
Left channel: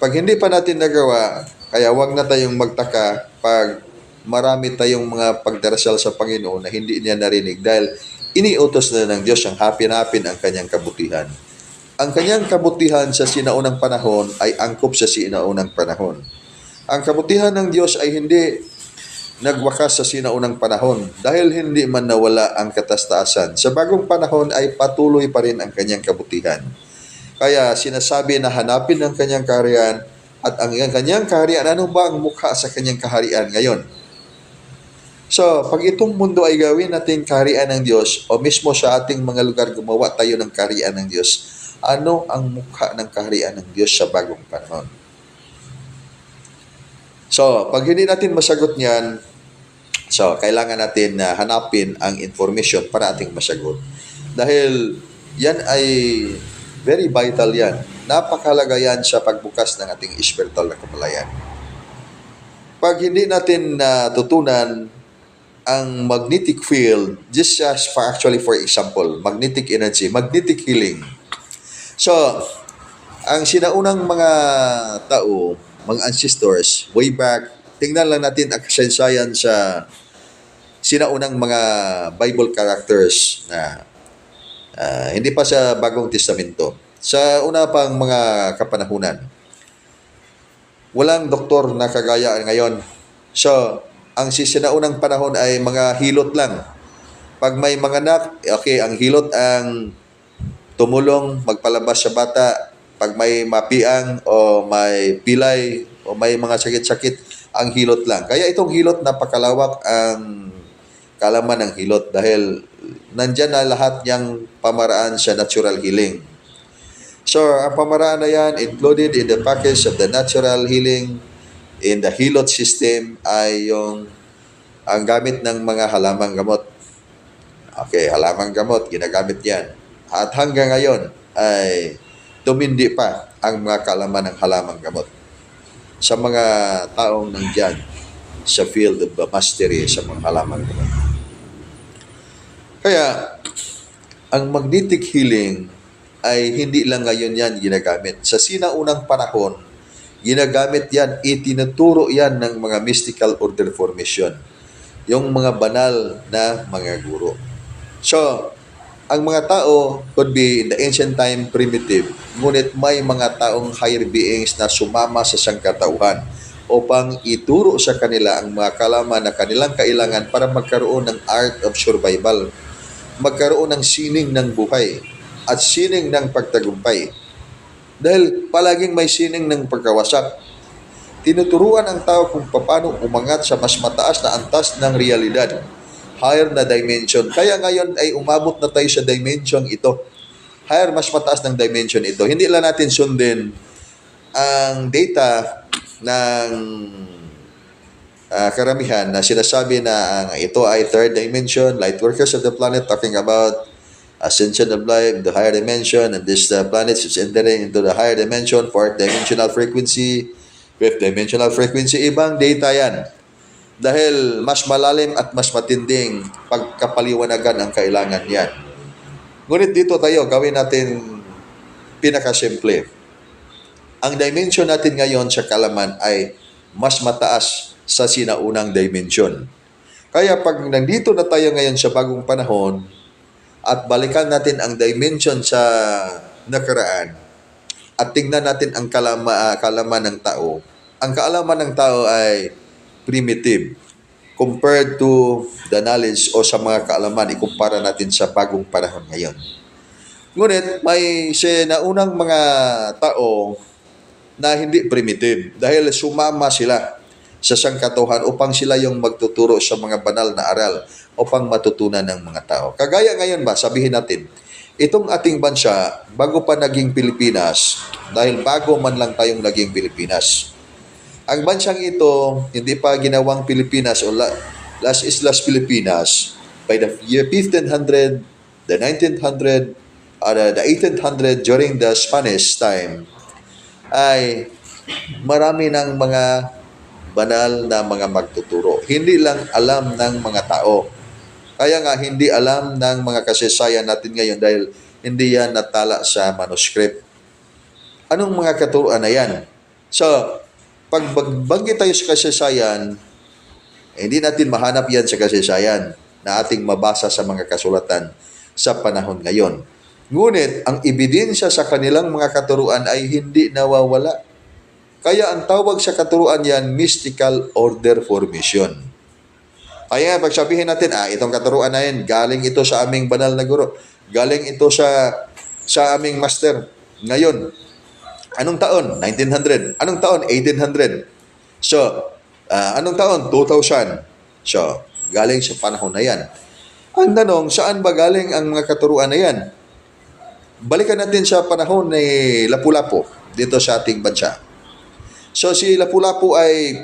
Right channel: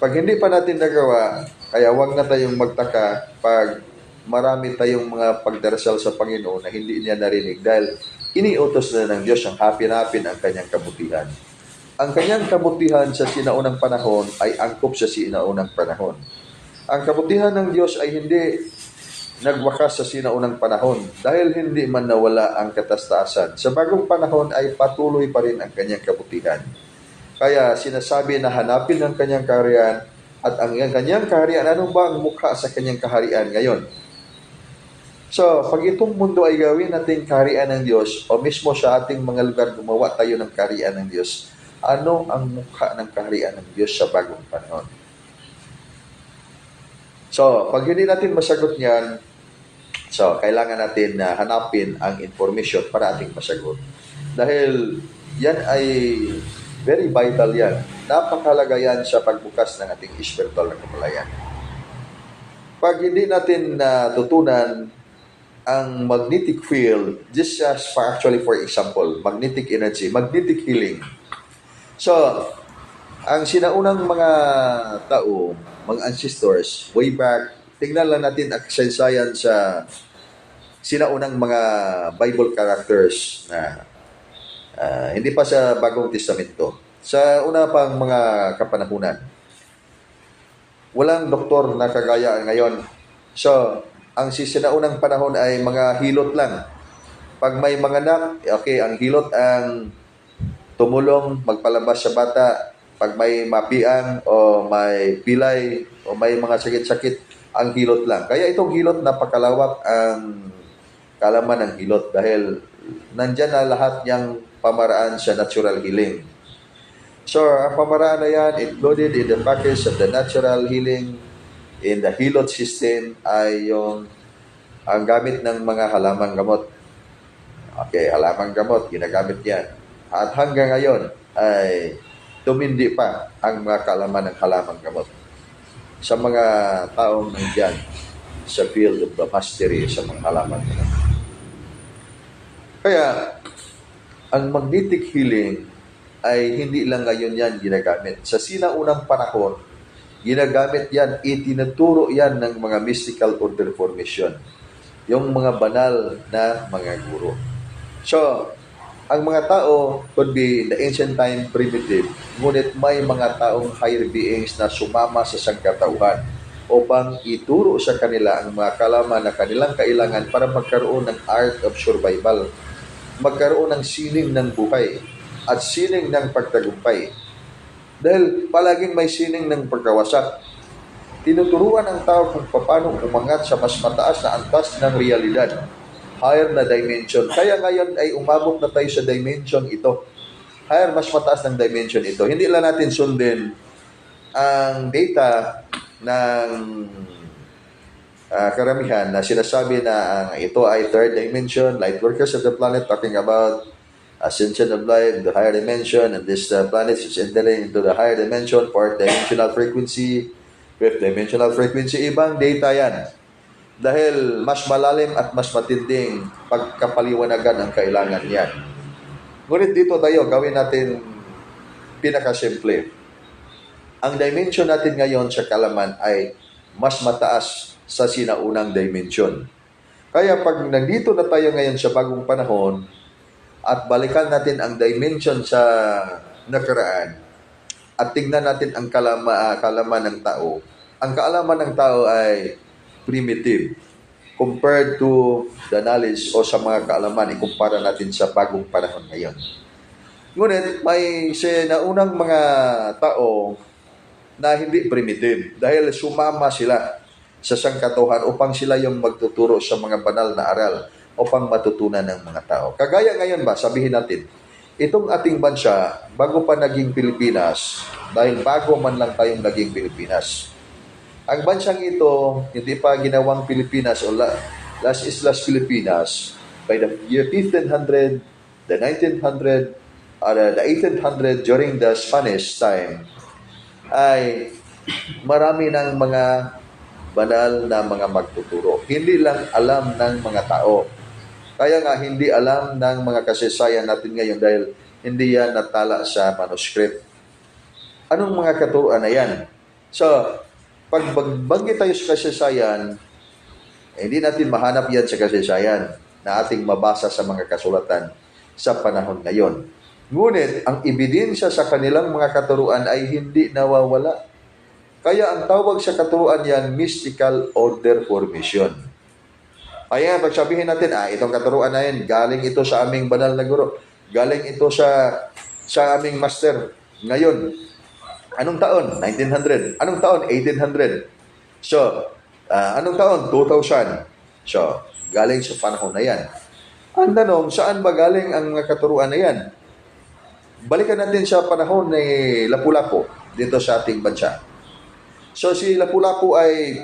Pag hindi pa natin nagawa, kaya wag na tayong magtaka pag marami tayong mga pagdarasal sa Panginoon na hindi niya narinig dahil iniutos na ng Diyos ang hapin-hapin ang kanyang kabutihan. Ang kanyang kabutihan sa sinaunang panahon ay angkop sa sinaunang panahon. Ang kabutihan ng Diyos ay hindi nagwakas sa sinaunang panahon dahil hindi man nawala ang kataas-taasan. Sa bagong panahon ay patuloy pa rin ang kanyang kabutihan. Kaya sinasabi na hanapin ang kanyang kaharian at ang kanyang kaharian, ano ba ang mukha sa kanyang kaharian ngayon? So, pag itong mundo ay gawin natin kaharian ng Diyos o mismo sa ating mga lugar gumawa tayo ng kaharian ng Diyos, ano ang mukha ng kaharian ng Diyos sa bagong panahon? So, pag hindi natin masagot niyan, so, kailangan natin na hanapin ang information para ating masagot. Dahil yan ay very vital yan. Napakahalaga yan sa pagbukas ng ating spiritual na kamalayan. Pag hindi natin natutunan ang magnetic field, just for example, magnetic energy, magnetic healing. So, ang sinaunang mga tao, mga ancestors, way back, tingnan lang natin ang kasaysayan sa sinaunang mga Bible characters na hindi pa sa Bagong Testamento. Sa una pang mga kapanahunan, walang doktor na kagaya ngayon. So, ang sinaunang panahon ay mga hilot lang. Pag may manganak, okay, ang hilot ang tumulong magpalabas sa bata. Pag may mapiang o may pilay o may mga sakit-sakit, ang hilot lang. Kaya itong hilot, napakalawak ang kalaman ng hilot dahil nandyan na lahat niyang pamaraan sa natural healing. So, ang pamaraan na yan, included in the package of the natural healing in the hilot system ay yung ang gamit ng mga halamang gamot. Okay, halamang gamot, ginagamit yan. At hanggang ngayon ay tumindi pa ang mga kaalaman ng halamang gamot sa mga taong nandyan sa field of the mastery sa mga halamang gamot. Kaya, ang magnetic healing ay hindi lang ngayon yan ginagamit. Sa sinaunang panahon, Ginagamit yan, itinuturo yan ng mga mystical order formation. Yung mga banal na mga guro. So, ang mga tao could be in the ancient time primitive, ngunit may mga taong higher beings na sumama sa sangkatauhan upang ituro sa kanila ang mga kalaman na kanilang kailangan para magkaroon ng art of survival, magkaroon ng sining ng buhay at sining ng pagtagumpay. Dahil palaging may sining ng pagkawasak. Tinuturuan ang tao kung paano umangat sa mas mataas na antas ng realidad, higher na dimension. Kaya ngayon ay umabot na tayo sa dimension ito. Higher, mas mataas ng dimension ito. Hindi lang natin sundin ang data ng karamihan na sinasabi na ito ay third dimension, light workers of the planet talking about ascension of life, the higher dimension, and this planet is entering into the higher dimension, fourth dimensional frequency, fifth dimensional frequency. Ibang data yan. Dahil mas malalim at mas matinding pagkapaliwanagan ang kailangan yan. Ngunit dito tayo, gawin natin pinakasimple. Ang dimension natin ngayon sa kalaman ay mas mataas sa sinaunang dimension. Kaya pag nandito na tayo ngayon sa bagong panahon at balikan natin ang dimension sa nakaraan at tingnan natin ang kalaman ng tao, ang kaalaman ng tao ay primitive compared to the knowledge o sa mga kaalaman, ikumpara natin sa bagong panahon ngayon. Ngunit may sinaunang mga tao na hindi primitive dahil sumama sila sa sangkatauhan upang sila yung magtuturo sa mga banal na aral upang matutunan ng mga tao. Kagaya ngayon ba, sabihin natin, itong ating bansa, bago pa naging Pilipinas, dahil bago man lang tayong naging Pilipinas, ang bansang ito, hindi pa ginawang Pilipinas o Las Islas Pilipinas, by the year 1500, the 1900, or the 1800 during the Spanish time, ay marami ng mga banal na mga magtuturo. Hindi lang alam ng mga tao. Kaya nga hindi alam ng mga kasaysayan natin ngayon dahil hindi yan natala sa manuscript. Anong mga katuruan na yan? So, pag bagay tayo sa kasaysayan, hindi natin mahanap yan sa kasaysayan na ating mabasa sa mga kasulatan sa panahon ngayon. Ngunit, ang ebidensya sa kanilang mga katuruan ay hindi nawawala. Kaya ang tawag sa katuruan yan, mystical order formation. Kaya pag sabihin natin, itong katuruan na yan, galing ito sa aming banal na guro. Galing ito sa aming master. Ngayon, anong taon? 1900. Anong taon? 1800. So, anong taon? 2000. So, galing sa panahon na yan. Ang tanong, saan ba galing ang mga katuruan na yan? Balikan natin sa panahon ni Lapu-Lapu dito sa ating bansa. So si Lapu-Lapu ay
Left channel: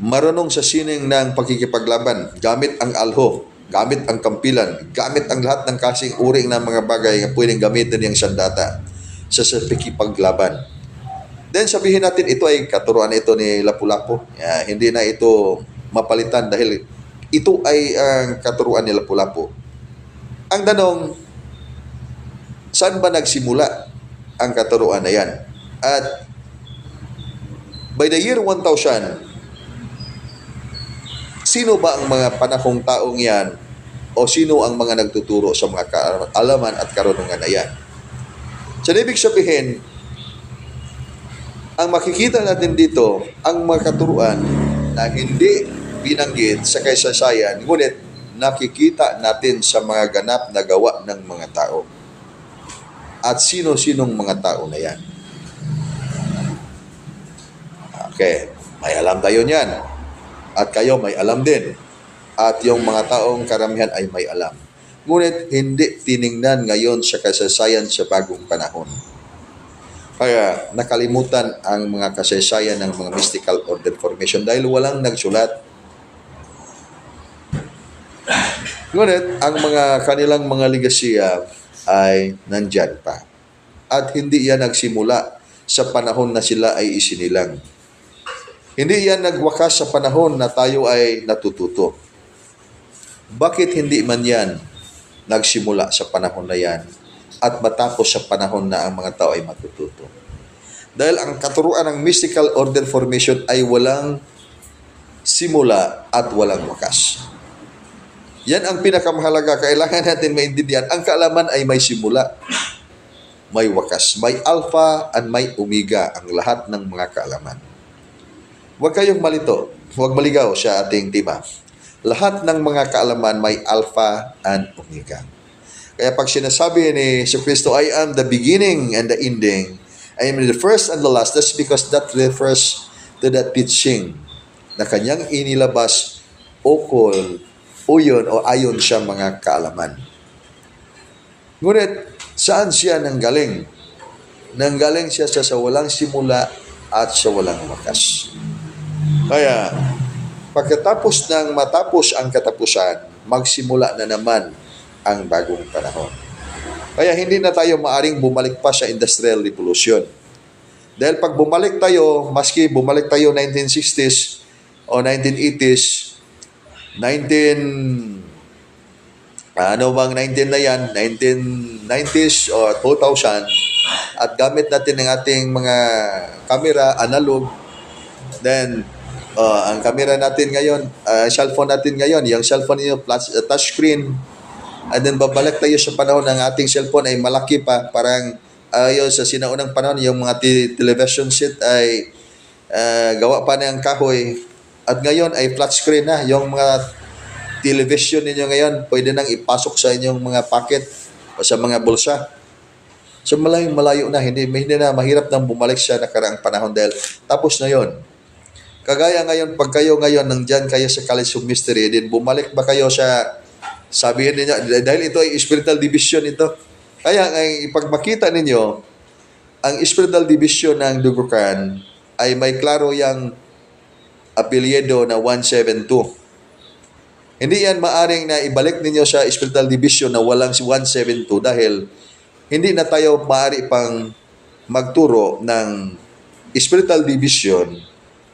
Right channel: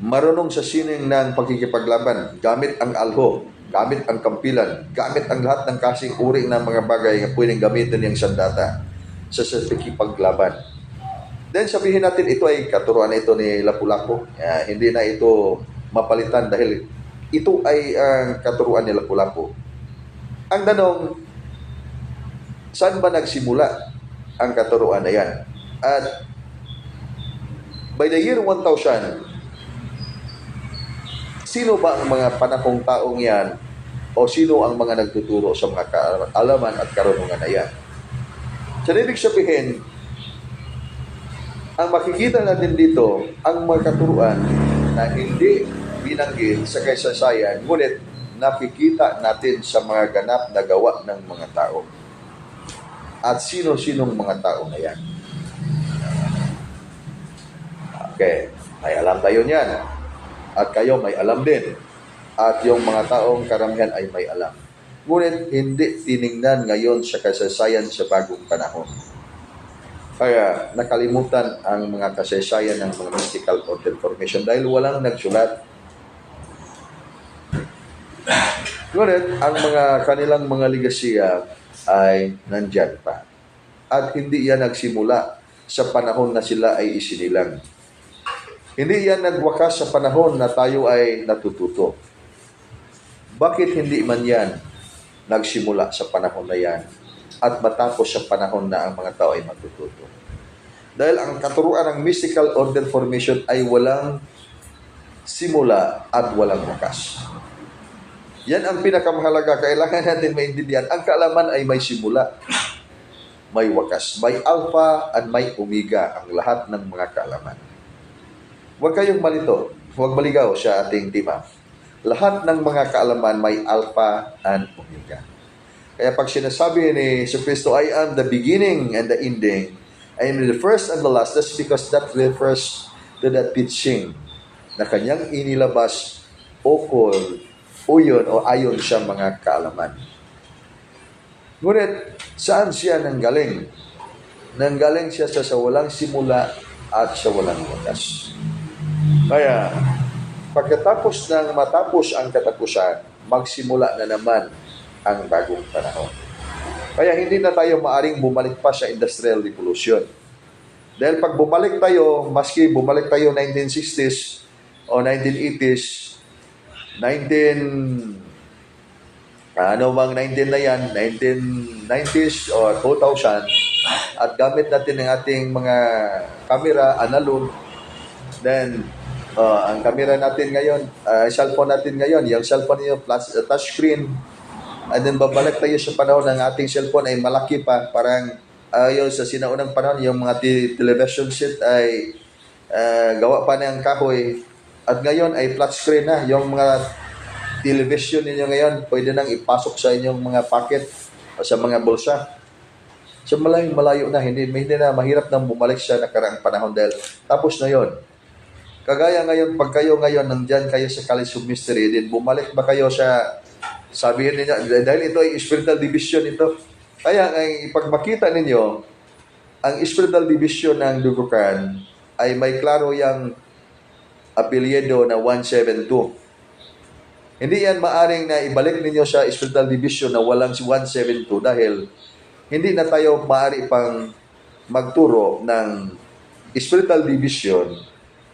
marunong sa sining ng pagkikipaglaban, gamit ang alho, gamit ang kampilan, gamit ang lahat ng kasing uring ng mga bagay na pwedeng gamitin niyang sandata sa pagkikipaglaban. Then sabihin natin ito ay katuruan ito ni Lapu-Lapu. Hindi na ito mapalitan dahil ito ay ang katuruan ni Lapu-Lapu. Ang tanong, saan ba nagsimula ang katuruan na yan? At by the year 1000, sino ba ang mga panahong taong yan o sino ang mga nagtuturo sa mga kaalaman at karunungan na yan? So, ibig sabihin, ang makikita natin dito, ang mga katuruan na hindi binanggit sa kasaysayan, ngunit nakikita natin sa mga ganap na gawa ng mga tao. At sino-sinong mga tao na yan? Okay, may alam tayo niyan. At kayo may alam din. At yung mga taong karamihan ay may alam. Ngunit hindi tiningnan ngayon sa kasaysayan sa bagong panahon. Kaya nakalimutan ang mga kasaysayan ng mga mystical order formation dahil walang nagsulat. Ngunit ang mga kanilang mga ligasiya ay nandyan pa. At hindi yan nagsimula sa panahon na sila ay isinilang. Hindi yan nagwakas sa panahon na tayo ay natututo. Bakit hindi man yan nagsimula sa panahon na yan at matapos sa panahon na ang mga tao ay matututo? Dahil ang katuruan ng mystical order formation ay walang simula at walang wakas. Yan ang pinakamahalaga. Kailangan natin maintindihan. Ang kaalaman ay may simula, may wakas, may alpha and may omega ang lahat ng mga kaalaman. Huwag kayong malito, huwag maligaw sa ating tema. Lahat ng mga kaalaman may alpha and omega. Kaya pag sinasabi ni Jesucristo, I am the beginning and the ending, I am the first and the last, that's because that refers to that teaching na kanyang inilabas ukol o yun o ayon sa mga kaalaman. Ngunit, saan siya nanggaling? Nanggaling siya sa walang simula at sa walang wakas. Kaya, pagkatapos ng matapos ang katapusan, magsimula na naman ang bagong panahon. Kaya hindi na tayo maaring bumalik pa sa Industrial Revolution. Dahil pag bumalik tayo, maski bumalik tayo 1960s o 1980s, 19 na yan, 1990s o 2000, at gamit natin ang ating mga camera, analog, then ang camera natin ngayon, cellphone natin ngayon, yung cellphone niyo plus touchscreen, and then babalik tayo sa panahon ng ating cellphone ay malaki pa, parang ayon sa sinaunang panahon, yung mga television set ay gawa pa ng kahoy, at ngayon ay flat screen na. Yung mga television ninyo ngayon, pwede nang ipasok sa inyong mga pocket o sa mga bulsa. So malayo na, hindi na mahirap nang bumalik sa nakaraang panahon dahil tapos na yon. Kagaya ngayon, pag kayo ngayon nandyan kayo sa College of Mystery, din bumalik ba kayo sa, sabihin niya, dahil ito ay spiritual division ito. Kaya pag makita ninyo, ang spiritual division ng Dugukan ay may klaro yung apelyido na 172. Hindi yan maaring na ibalik ninyo sa spiritual division na walang si 172 dahil hindi na tayo maaari pang magturo ng spiritual division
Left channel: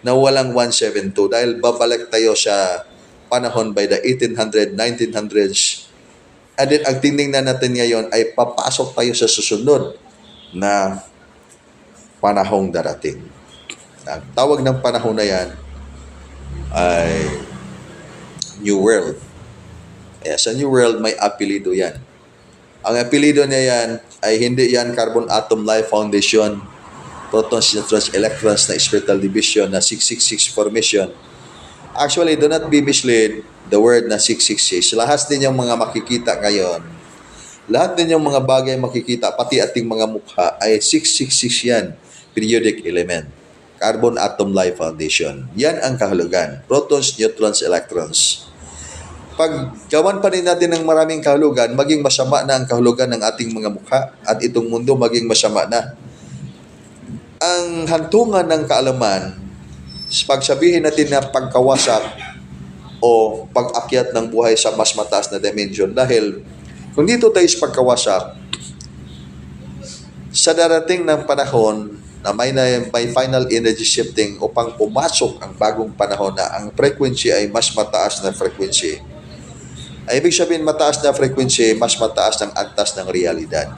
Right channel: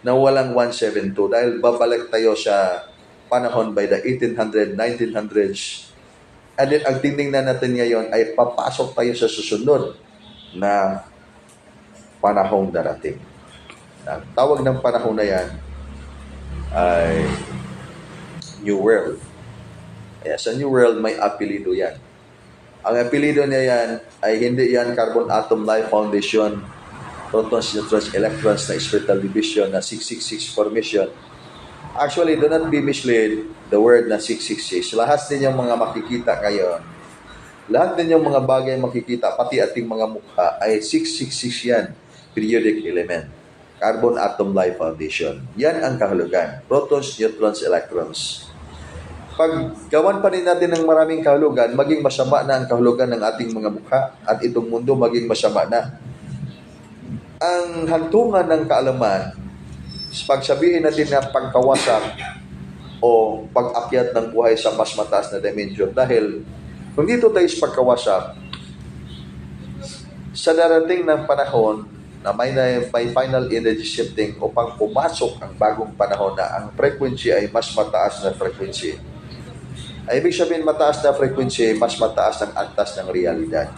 na walang 172 dahil babalik tayo sa panahon by the 1800s, 1900s. And then ang tingnan natin ngayon ay papasok tayo sa susunod na panahong darating. Ang tawag ng panahon na yan ay New World. Kaya sa New World may apelido yan. Ang apelido niya yan ay hindi yan Carbon Atom Life Foundation, Protons, Neutrons, Electrons na spiritual division na 666 formation. Actually, do not be misled the word na 666. Lahat din yung mga makikita ngayon, lahat din yung mga bagay makikita, pati ating mga mukha ay 666 yan, periodic element. Carbon Atom Life Foundation. Yan ang kahulugan. Protons, neutrons, electrons. Pag gawan pa rin natin ng maraming kahulugan, maging masama na ang kahulugan ng ating mga mukha at itong mundo maging masama na. Ang hantungan ng kaalaman, pagsabihin natin na pagkawasak o pag-akyat ng buhay sa mas mataas na dimension dahil kung dito tayo sa pagkawasak, sa darating ng panahon, na may final energy shifting upang pumasok ang bagong panahon na ang frequency ay mas mataas na frequency. Ay ibig sabihin mataas na frequency, mas mataas ng antas ng realidad.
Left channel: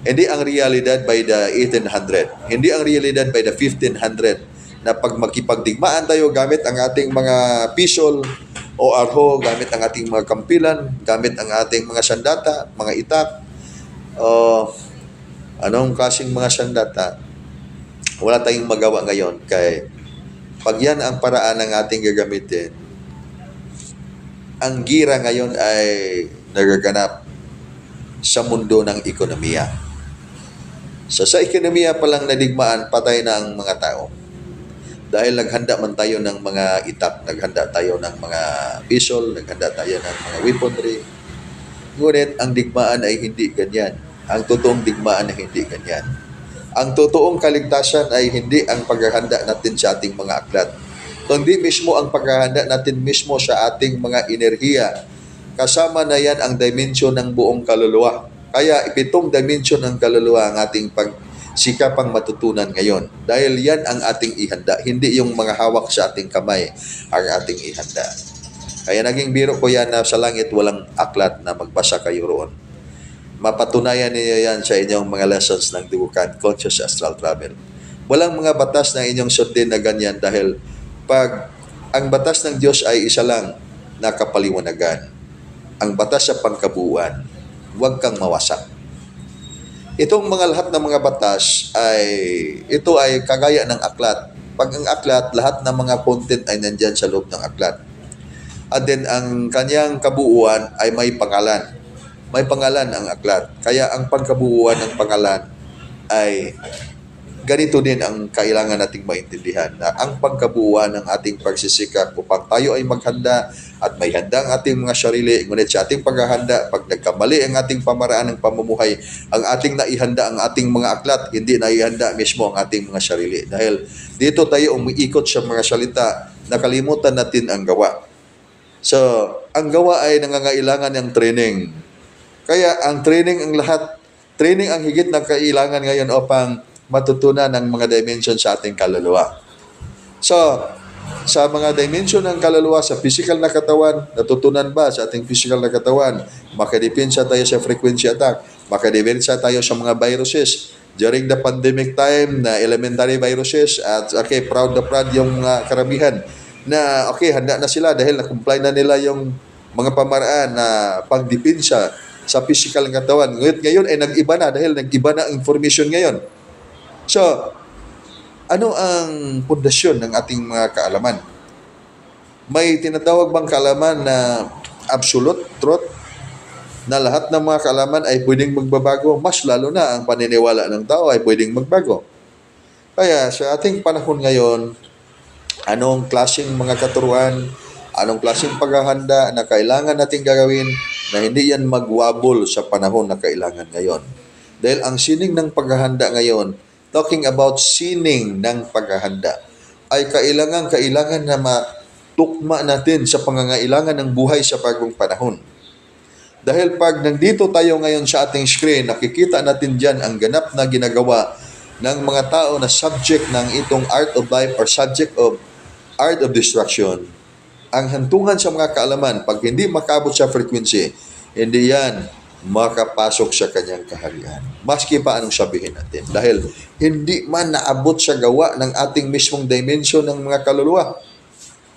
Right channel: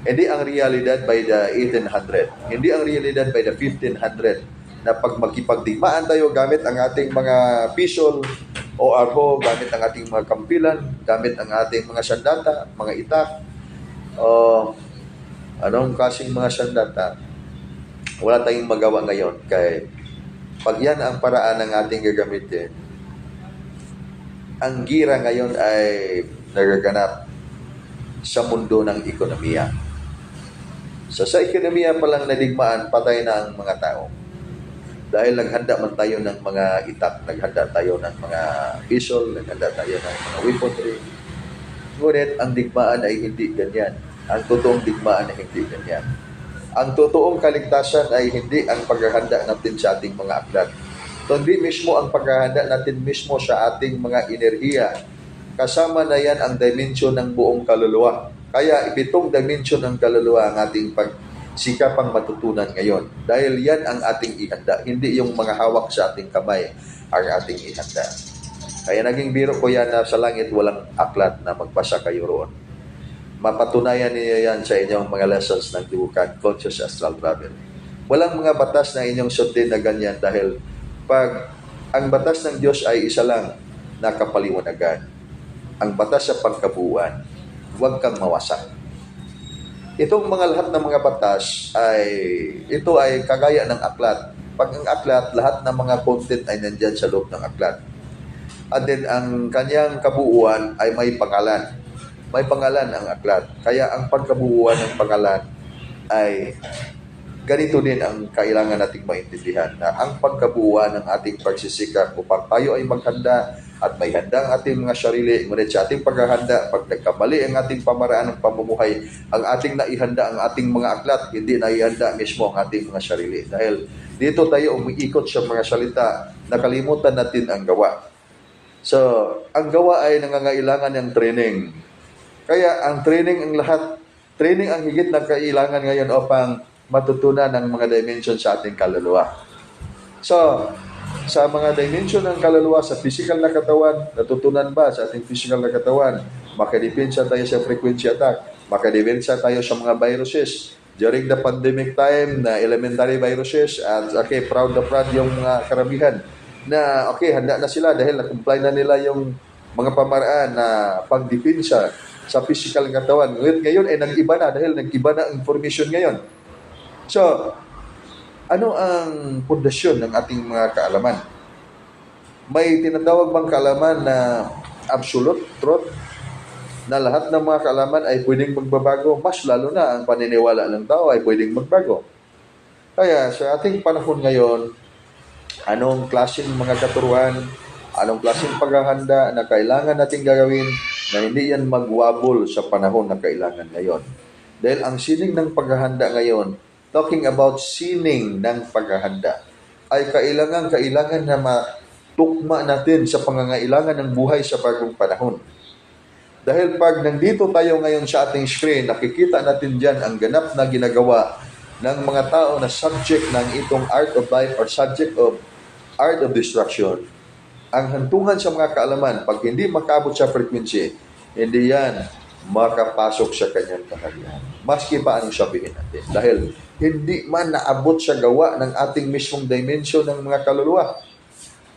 Hindi ang realidad by the 1800, hindi ang realidad by the 1500 na pag magkipagdigmaan tayo gamit ang ating mga pisol o arho, gamit ang ating mga kampilan, gamit ang ating mga sandata, mga itak, anong kasing mga sandata, wala tayong magawa ngayon. Kaya pag yan ang paraan ng ating gagamitin, ang gira ngayon ay nagaganap sa mundo ng ekonomiya. So sa ekonomiya palang nadigmaan, patay na ang mga tao. Dahil naghanda man tayo ng mga itak, naghanda tayo ng mga pistol, naghanda tayo ng mga weaponry. Ngunit ang digmaan ay hindi ganyan. Ang totoong digmaan ay hindi ganyan. Ang totoong kaligtasan ay hindi ang paghahanda natin sa ating mga aklat, kundi mismo ang paghahanda natin mismo sa ating mga enerhiya. Kasama na yan ang dimension ng buong kaluluwa. Kaya 7 dimension ng kaluluwa ang ating pagsikapang matutunan ngayon. Dahil yan ang ating ihanda, hindi yung mga hawak sa ating kamay ang ating ihanda. Kaya naging biro ko yan na sa langit walang aklat na magbasa kayo roon. Mapatunayan niyo yan sa inyong mga lessons ng Dugukan Conscious Astral Travel. Walang mga batas na inyong sundin na ganyan dahil pag ang batas ng Diyos ay isa lang na kapaliwanagan, ang batas sa pangkabuuan, huwag kang mawasak. Itong mga lahat ng mga batas ito ay kagaya ng aklat. Pag ang aklat, lahat ng mga content ay nandyan sa loob ng aklat. At then ang kanyang kabuuan ay may pangalan. May pangalan ang aklat. Kaya ang pagkabuuan ng pangalan ay ganito din ang kailangan nating maintindihan na ang pagkabuuan ng ating pagsisikap upang tayo ay maghanda at may handa ang ating mga sarili. Ngunit sa ating paghahanda, pag nagkamali ang ating pamaraan ng pamumuhay, ang ating naihanda ang ating mga aklat, hindi naihanda mismo ang ating mga sarili. Dahil dito tayo umiikot sa mga salita, nakalimutan natin ang gawa. So, ang gawa ay nangangailangan ng training. Kaya ang training ang lahat, training ang higit na kailangan ngayon upang matutunan ng mga dimension sa ating kaluluwa. So, sa mga dimension ng kaluluwa, sa physical na katawan, natutunan ba sa ating physical na katawan? Makadepensa tayo sa frequency attack. Makadepensa tayo sa mga viruses. During the pandemic time na elementary viruses at proud na proud yung mga karamihan na handa na sila dahil na-comply na nila yung mga pamaraan na pangdepensa sa physical ng katawan. Ngayon ay nag-iba na dahil nag-iba na ang information ngayon. So, ano ang pundasyon ng ating mga kaalaman? May tinatawag bang kaalaman na absolute truth? Na lahat ng mga kaalaman ay pwedeng magbabago? Mas lalo na ang paniniwala ng tao ay pwedeng magbago. Kaya sa ating panahon ngayon, anong klaseng mga katuruan, anong klaseng paghahanda na kailangan nating gagawin na hindi yan magwabol sa panahon na kailangan ngayon. Dahil ang sining ng paghahanda ngayon, talking about sining ng paghahanda, ay kailangan na matukma natin sa pangangailangan ng buhay sa bagong panahon. Dahil pag nandito tayo ngayon sa ating screen, nakikita natin dyan ang ganap na ginagawa ng mga tao na subject ng itong art of life or subject of art of destruction. Ang hantungan sa mga kaalaman, pag hindi makaabot sa frequency, hindi yan makapasok sa kanyang kaharian. Maski pa anong sabihin natin. Dahil hindi man naabot sa gawa ng ating mismong dimension ng mga kaluluwa.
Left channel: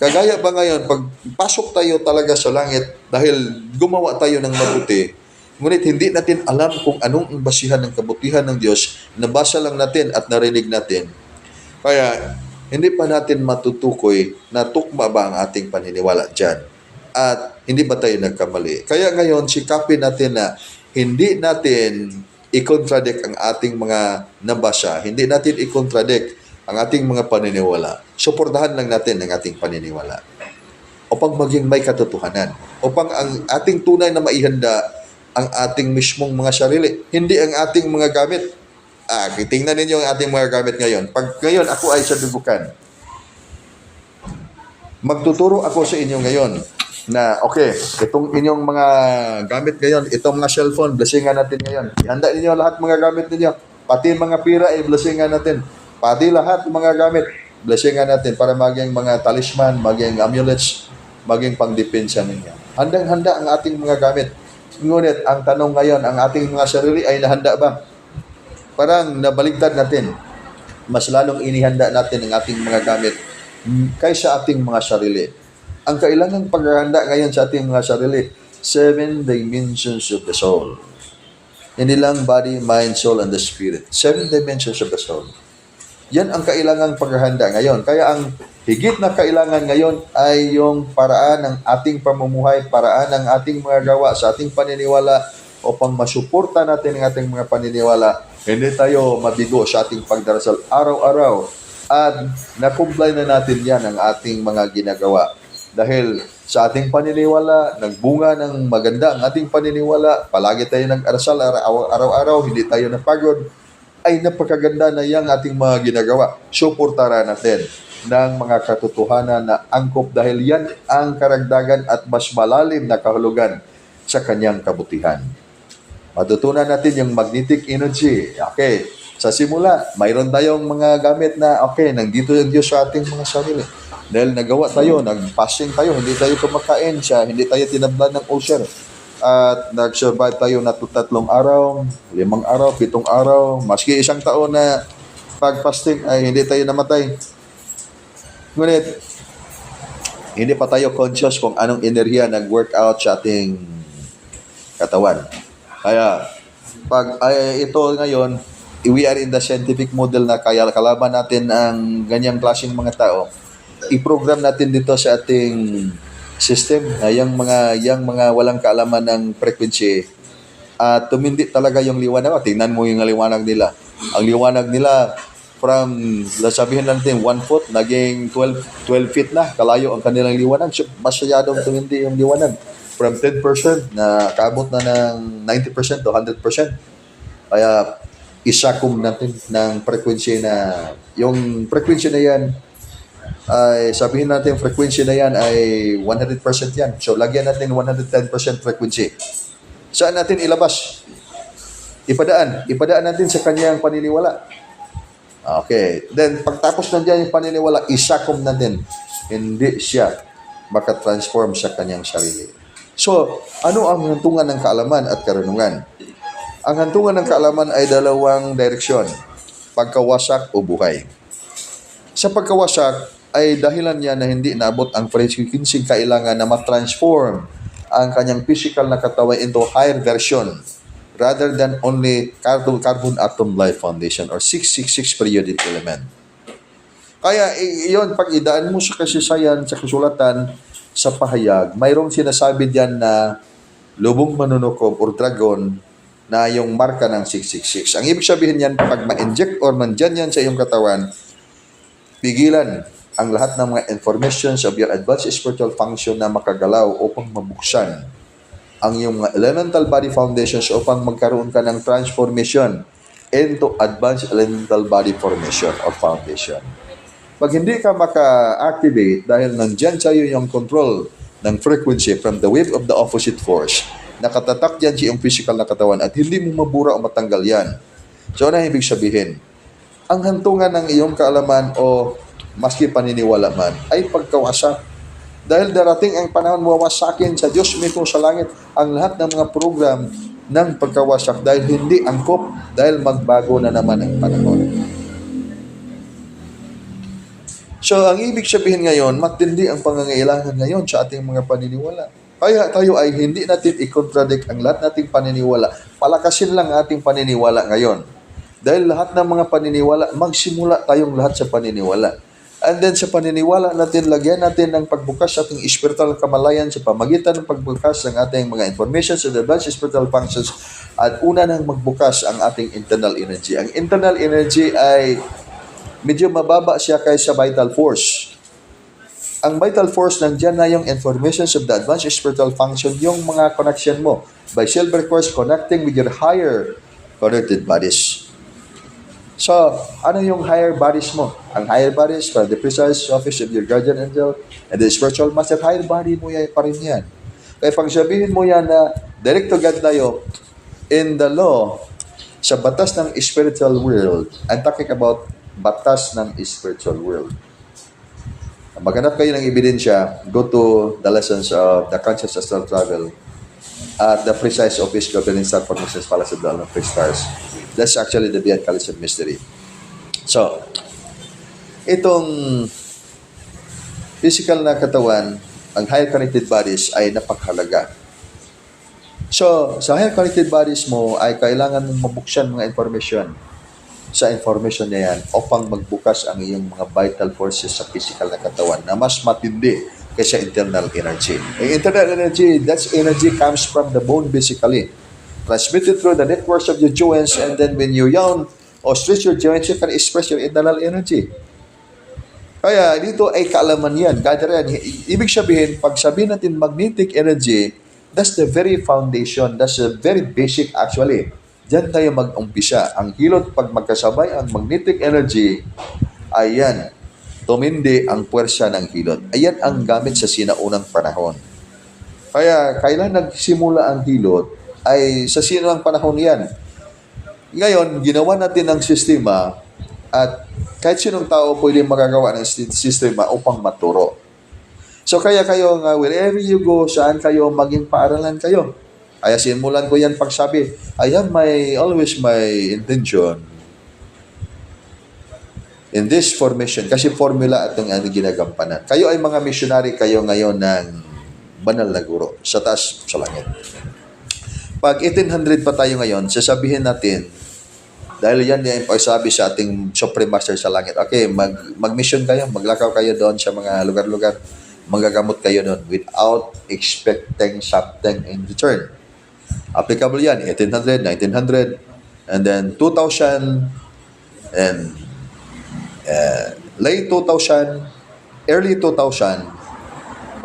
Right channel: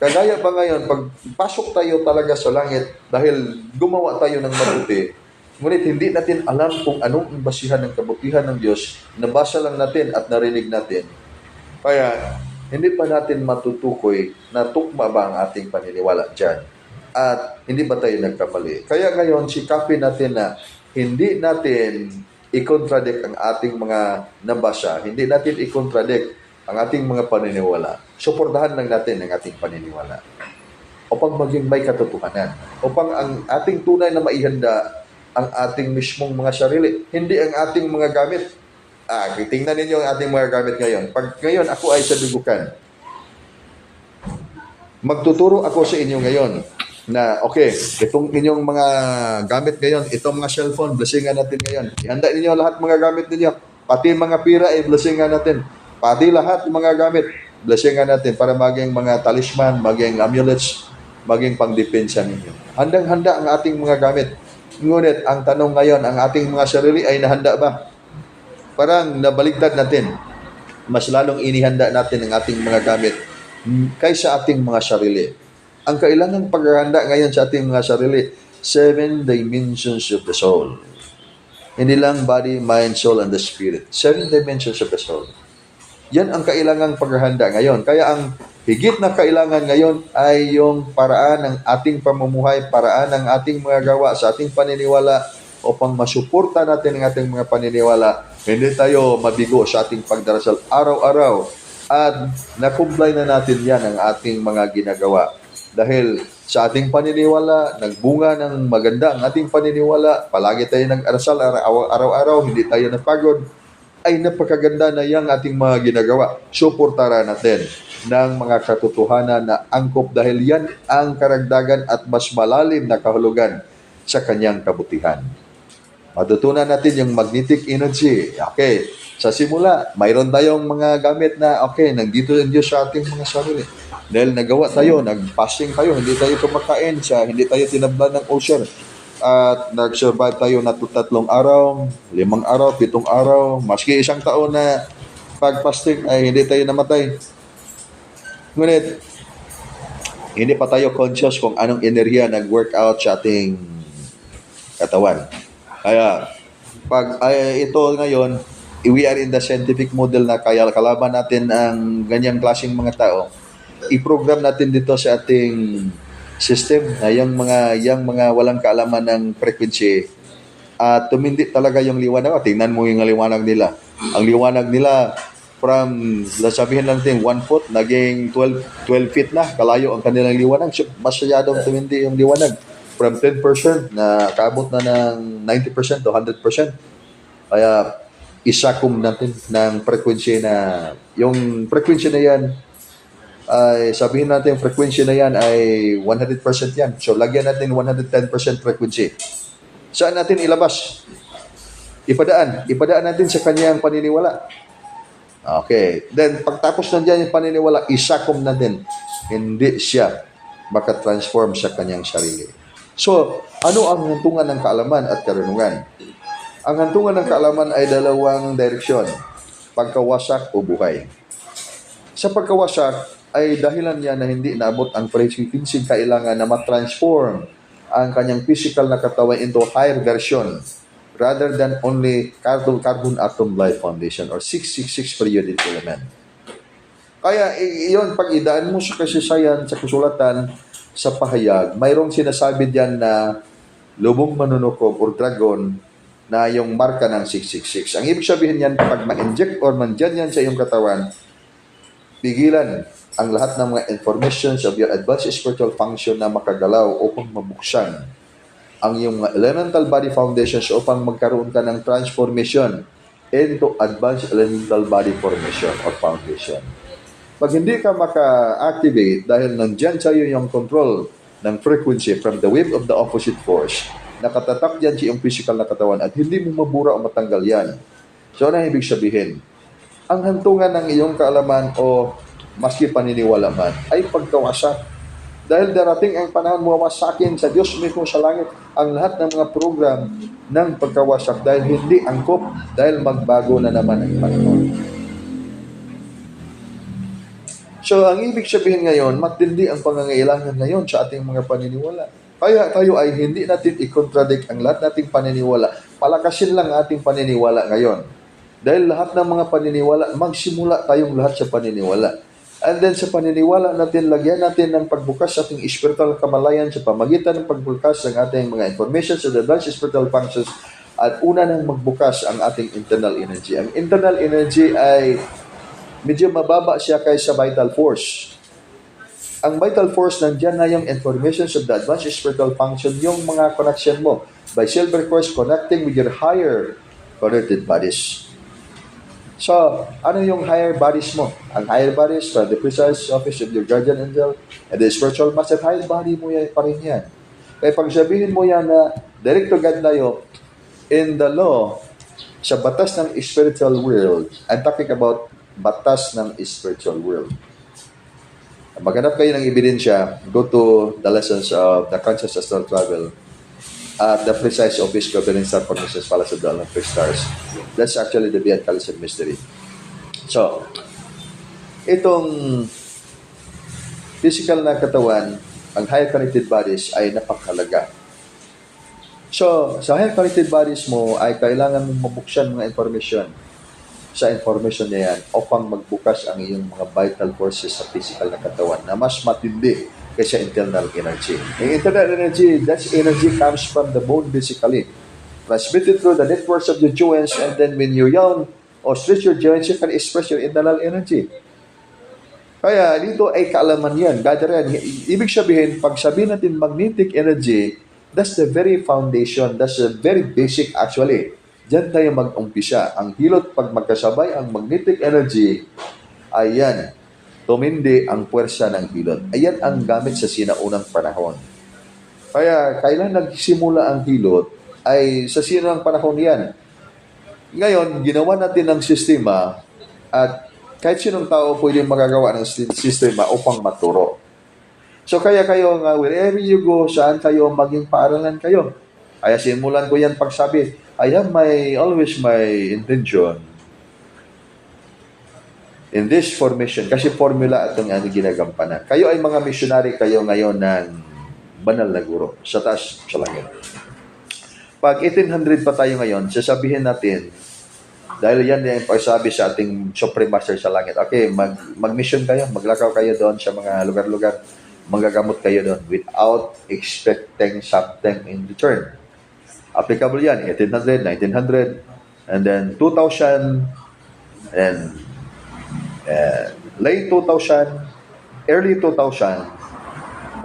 Kagaya pa ngayon, pag pasok tayo talaga sa langit, dahil gumawa tayo ng mabuti, ngunit hindi natin alam kung anong basihan ng kabutihan ng Diyos, nabasa lang natin at narinig natin. Kaya, hindi pa natin matutukoy na tukma ba ang ating paniniwala dyan. At hindi ba tayo nagkamali? Kaya ngayon, sikapin natin na hindi natin i-contradict ang ating mga nabasa. Hindi natin i-contradict ang ating mga paniniwala. Suportahan lang natin ang ating paniniwala upang maging may katotohanan. Upang ang ating tunay na maihanda ang ating mismong mga sarili. Hindi ang ating mga gamit. Tingnan ninyo ang ating mga gamit ngayon. Pag ngayon ako ay sa dubukan, magtuturo ako sa inyo ngayon na itong inyong mga gamit ngayon, itong mga cellphone, blessingan natin ngayon. Ihanda ninyo lahat mga gamit ninyo. Pati mga pira ay blessingan natin. Pati lahat mga gamit, blessingan natin para maging mga talisman, maging amulets, maging pangdepensa ninyo. Handang-handa ang ating mga gamit. Ngunit ang tanong ngayon, ang ating mga sarili ay nahanda ba? Parang nabaligtad natin. Mas lalong inihanda natin ang ating mga gamit kaysa ating mga sarili. Ang kailangang paghahanda ngayon sa ating mga sarili, 7 dimensions of the soul. Hindi lang body, mind, soul, and the spirit. 7 dimensions of the soul. Yan ang kailangang paghahanda ngayon. Kaya ang higit na kailangan ngayon ay yung paraan ng ating pamumuhay, paraan ng ating mga gawa sa ating paniniwala upang masuporta natin ang ating mga paniniwala. Hindi tayo mabigo sa ating pagdarasal araw-araw at na-comply na natin yan ang ating mga ginagawa. Dahil sa ating paniniwala, nagbunga ng maganda ang ating paniniwala, palagi tayo nag-arasal araw-araw, hindi tayo napagod, ay napakaganda na yung ating mga ginagawa. Suportahan natin ng mga katotohanan na angkop dahil yan ang karagdagan at mas malalim na kahulugan sa kanyang kabutihan. Matutunan natin yung magnetic energy. Sa simula, mayroon tayong mga gamit na nandito ang Diyos sa ating mga sarili. Dahil nagawa tayo, nag-fasting tayo, hindi tayo kumakain siya, hindi tayo tinablan ng ulcer. At nag-survive tayo na 3 araw, 5 araw, 7 araw, maski 1 taon na Pag fasting ay hindi tayo namatay. Ngunit, hindi pa tayo conscious kung anong enerhiya nag-workout sa ating katawan. Kaya, pag ito ngayon, we are in the scientific model na kaya kalaban natin ang ganyang klaseng mga tao, i-program natin dito sa ating system na yung mga walang kaalaman ng frequency at tumindi talaga yung liwanag. Tingnan mo yung liwanag nila. Ang liwanag nila from, sabihin natin, 1 foot, naging 12 feet na, kalayo ang kanilang liwanag. So, masyadong tumindi yung liwanag. From 10% na kaabot na ng 90% to 100%. Kaya, isakum natin ng frequency na, yung frequency na yan, ay sabihin natin, frequency na yan ay 100% yan. So, lagyan natin 110% frequency. Saan natin ilabas? Ipadaan natin sa kanyang paniniwala. Okay. Then, pagtapos nandiyan yung paniniwala, isakom natin. Hindi siya makatransform sa kanyang sarili. So, ano ang hantungan ng kaalaman at karunungan? Ang hantungan ng kaalaman ay dalawang direksyon. Pagkawasak o buhay. Sa pagkawasak ay dahilan niya na hindi naabot ang frequency kailangan na matransform ang kanyang physical na katawan into higher version rather than only carbon atom life foundation or 666 periodic element. Kaya iyon, pag idaan mo sa kasaysayan, sa kasulatan, sa pahayag, mayroong sinasabi diyan na lubong manunukob or dragon na yung marka ng 666. Ang ibig sabihin yan, pag ma-inject or nandyan yan sa iyong katawan, pigilan ang lahat ng mga informations of your advanced spiritual function na makagalaw upang mabuksan ang iyong elemental body foundations upang magkaroon ka ng transformation into advanced elemental body formation or foundation. Pag hindi ka maka-activate dahil nandyan sa iyo yung control ng frequency from the wave of the opposite force, nakatatak dyan sa iyong physical na katawan at hindi mo mabura o matanggal yan. So, ano ibig sabihin? Ang hantungan ng iyong kaalaman o maski paniniwala man ay pagkawasak. Dahil darating ang panahon mawasakin sa Diyos mismo sa langit ang lahat ng mga program ng pagkawasak dahil hindi angkop, dahil magbago na naman ang panahon. So, ang ibig sabihin ngayon, matindi ang pangangailangan ngayon sa ating mga paniniwala. Kaya tayo ay hindi natin i-contradict ang lahat nating paniniwala. Palakasin lang ating paniniwala ngayon. Dahil lahat ng mga paniniwala, magsimula tayong lahat sa paniniwala. And then sa paniniwala natin, lagyan natin ng pagbukas sa ating spiritual kamalayan sa pamagitan ng pagbukas ng ating mga information sa advanced spiritual functions at una nang magbukas ang ating internal energy. Ang internal energy ay medyo mababa siya kaysa vital force. Ang vital force, nandiyan na yung information of the advanced spiritual function, yung mga connection mo by silver course connecting with your higher connected bodies. So, ano yung higher bodies mo? Ang higher bodies are the precise office of your guardian angel and the spiritual master. Higher body mo yan pa rin yan. Kaya pag sabihin mo yan na direct to God tayo, in the law, sa batas ng spiritual world, I'm talking about batas ng spiritual world. Maghanap kayo ng ebidensya, go to the lessons of the conscious astral travel at the precise office governing star formations fallacy of the Olympic stars. That's actually the beyond Calypso mystery. So, itong physical na katawan, ang higher connected bodies ay napakahalaga. So, sa higher connected bodies mo ay kailangan mong mabuksan mga information sa information na yan upang magbukas ang iyong mga vital forces sa physical na katawan na mas matindi kaysa internal energy. Ang internal energy, that's energy comes from the bone basically. Transmitted through the networks of your joints, and then when you yawn or stretch your joints, you can express your internal energy. Kaya dito ay kaalaman yan. Gather yan. Ibig sabihin, pag sabihin natin magnetic energy, that's the very foundation. That's the very basic actually. Diyan tayo mag-umpisa. Ang hilot pag magkasabay ang magnetic energy, ayan, tumindi ang puwersa ng hilot. Ayan ang gamit sa sinaunang panahon. Kaya kailan nagsimula ang hilot, ay sa sinaunang panahon yan. Ngayon, ginawa natin ng sistema at kahit sinong tao pwede magagawa ng sistema upang maturo. So kaya kayo nga, wherever you go, saan kayo, maging paaralan kayo. Kaya simulan ko yan pagsabi, always my intention in this formation, kasi formula itong ginagampanan. Kayo ay mga missionary kayo ngayon ng banal na guro sa taas sa langit. Pag 1800 pa tayo ngayon, sasabihin natin, dahil yan yung pagsabi sa ating Supreme Master sa langit, okay, mag-mission kayo, maglakaw kayo doon sa mga lugar-lugar, magagamot kayo doon without expecting something in return. Applicable yan, 1800, 1900, and then 2000, and late 2000, early 2000,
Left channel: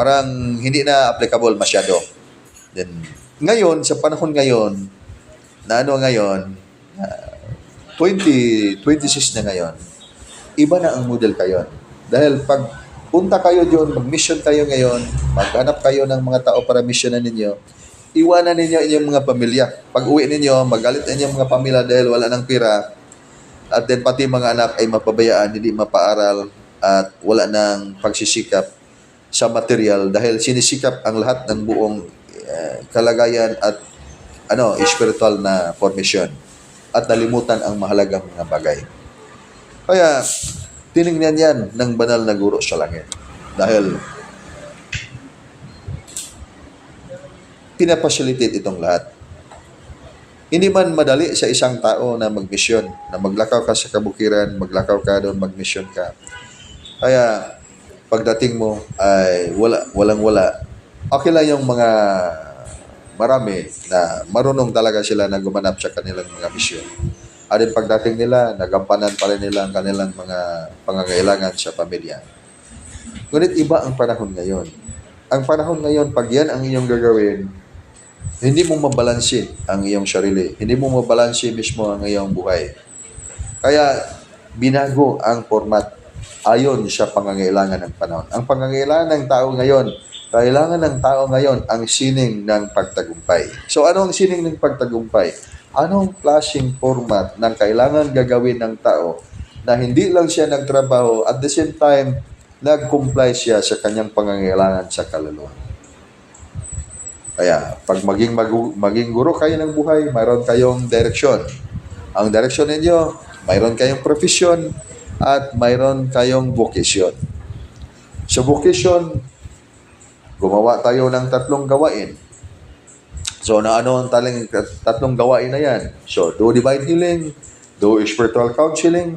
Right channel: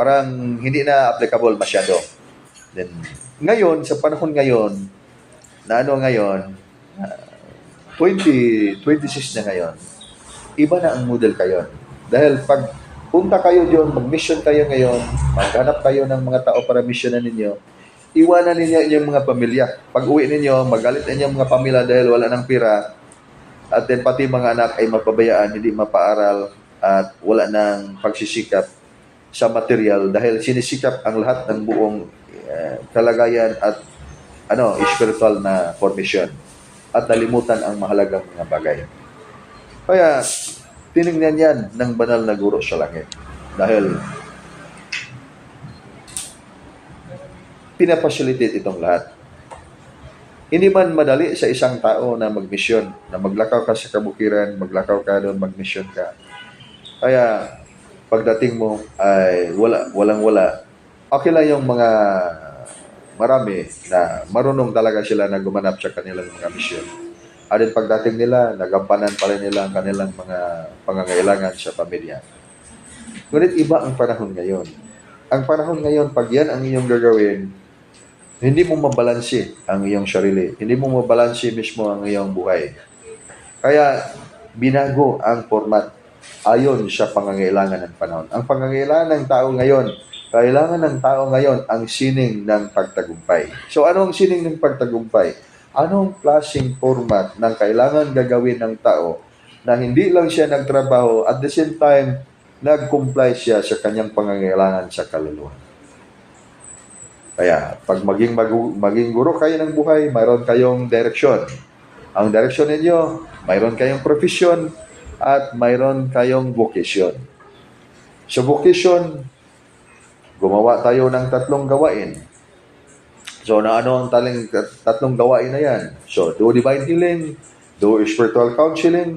parang hindi na applicable masyado. Then, ngayon, sa panahon ngayon, na ano ngayon, 2026 na ngayon, iba na ang model kayo. Dahil pag punta kayo diyon, mag-mission kayo ngayon, maghanap kayo ng mga tao para missionan ninyo, iwanan ninyo inyong mga pamilya. Pag uwi ninyo, magalit inyong mga pamilya dahil wala ng pira, at then pati mga anak ay mapabayaan, hindi mapaaral, at wala ng pagsisikap sa material dahil sinisikap ang lahat ng buong kalagayan at spiritual na formation at nalimutan ang mahalagang mga bagay. Kaya tinignan yan ng banal na guro sa langit dahil pinapacilitate itong lahat. Hindi man madali sa isang tao na magmisyon, na maglakaw ka sa kabukiran, maglakaw ka doon, magmisyon ka. Kaya pagdating mo ay walang-wala. Okay lang yung mga marami na marunong talaga sila na gumanap sa kanilang mga misyon. At then pagdating nila, nagampanan pa rin nila ang kanilang mga pangangailangan sa pamilya. Ngunit iba ang panahon ngayon. Ang panahon ngayon, pag yan ang iyong gagawin, hindi mo mabalansi ang iyong sarili. Hindi mo mabalansi mismo ang iyong buhay. Kaya binago ang format ayon sa pangangailangan ng panahon. Ang pangangailangan ng tao ngayon, kailangan ng tao ngayon ang sining ng pagtagumpay. So ano ang sining ng pagtagumpay? Anong klaseng format ng kailangan gagawin ng tao na hindi lang siya nagtrabaho, at the same time, nag-comply siya sa kanyang pangangailangan sa kaluluwa. Kaya, pag maging guro kayo ng buhay, mayroon kayong direksyon. Ang direksyon ninyo, mayroon kayong profesyon, at mayroon kayong vocation. Sa vocation, gumawa tayo ng 3 gawain. So, na ano ang tatlong gawain na yan? So, do divine healing, do spiritual counseling,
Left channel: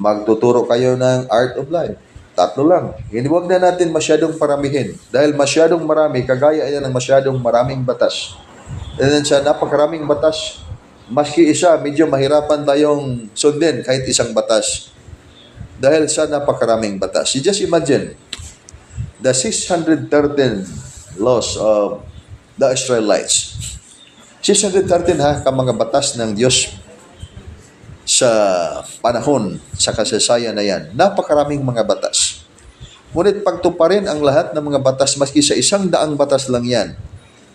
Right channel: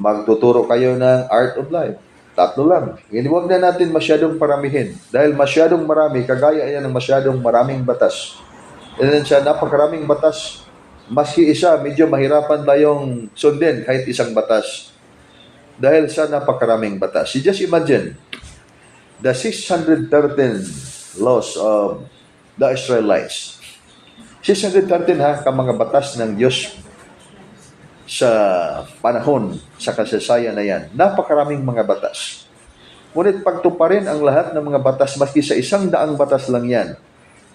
magtuturo kayo ng art of life. 3 lang. Hindi, wag na natin masyadong paramihin. Dahil masyadong marami, kagaya yan ng masyadong maraming batas. And then sa napakaraming batas, maski isa, medyo mahirapan tayong sundin kahit isang batas. Dahil sa napakaraming batas. You just imagine, the 613 laws of the Israelites. 613 mga batas ng Diyos sa panahon, sa kasaysayan na yan. Napakaraming mga batas. Ngunit pagtuparin ang lahat ng mga batas, maski sa 100 batas lang yan,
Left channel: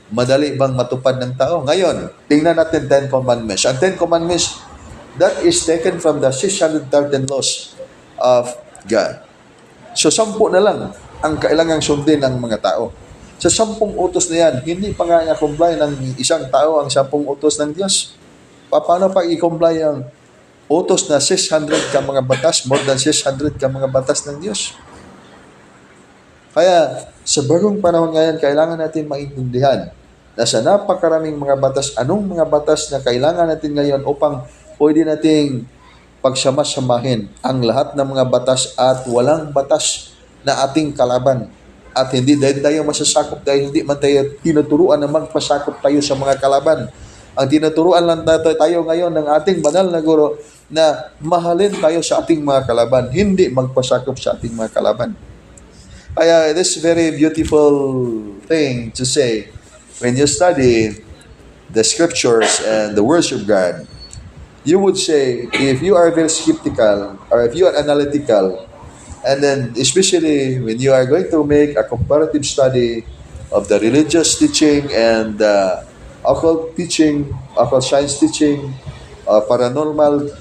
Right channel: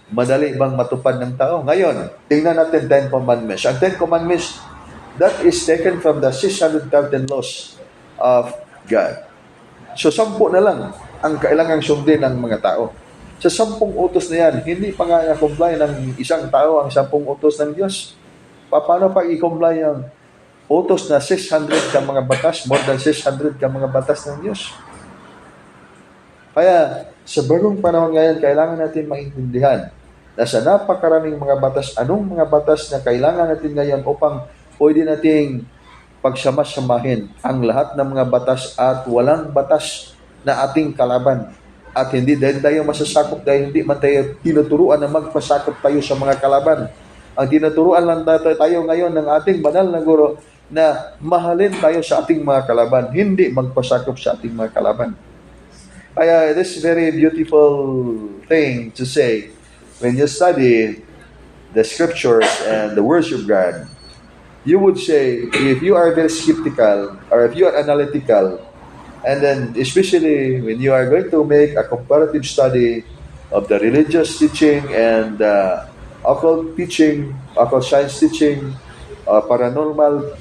madali bang matupad ng tao? Ngayon, tingnan natin 10 Commandments. Ang 10 Commandments, that is taken from the 613 laws of God. So, 10 na lang ang kailangang sundin ng mga tao. Sa 10 utos na yan, hindi pa nga i-comply ng isang tao ang 10 utos ng Diyos. Paano pa i-comply ang utos na 600 ka mga batas, more than 600 ka mga batas ng Diyos? Kaya, sa bagong panahon ngayon, kailangan natin maintindihan na sa napakaraming mga batas, anong mga batas na kailangan natin ngayon upang pwede nating pagsama-samahin ang lahat ng mga batas at walang batas na ating kalaban. At hindi dahil tayo masasakop, dahil hindi man tayo tinuturuan na magpasakop tayo sa mga kalaban. Ang tinuturuan lang tayo ngayon ng ating banal na guro na mahalin tayo sa ating mga kalaban, hindi magpasakop sa ating mga kalaban. Kaya this very beautiful thing to say when you study the scriptures and the words of God. You would say, if you are very skeptical or if you are analytical, and then especially when you are going to make a comparative study of the religious teaching and occult teaching, occult science teaching, paranormal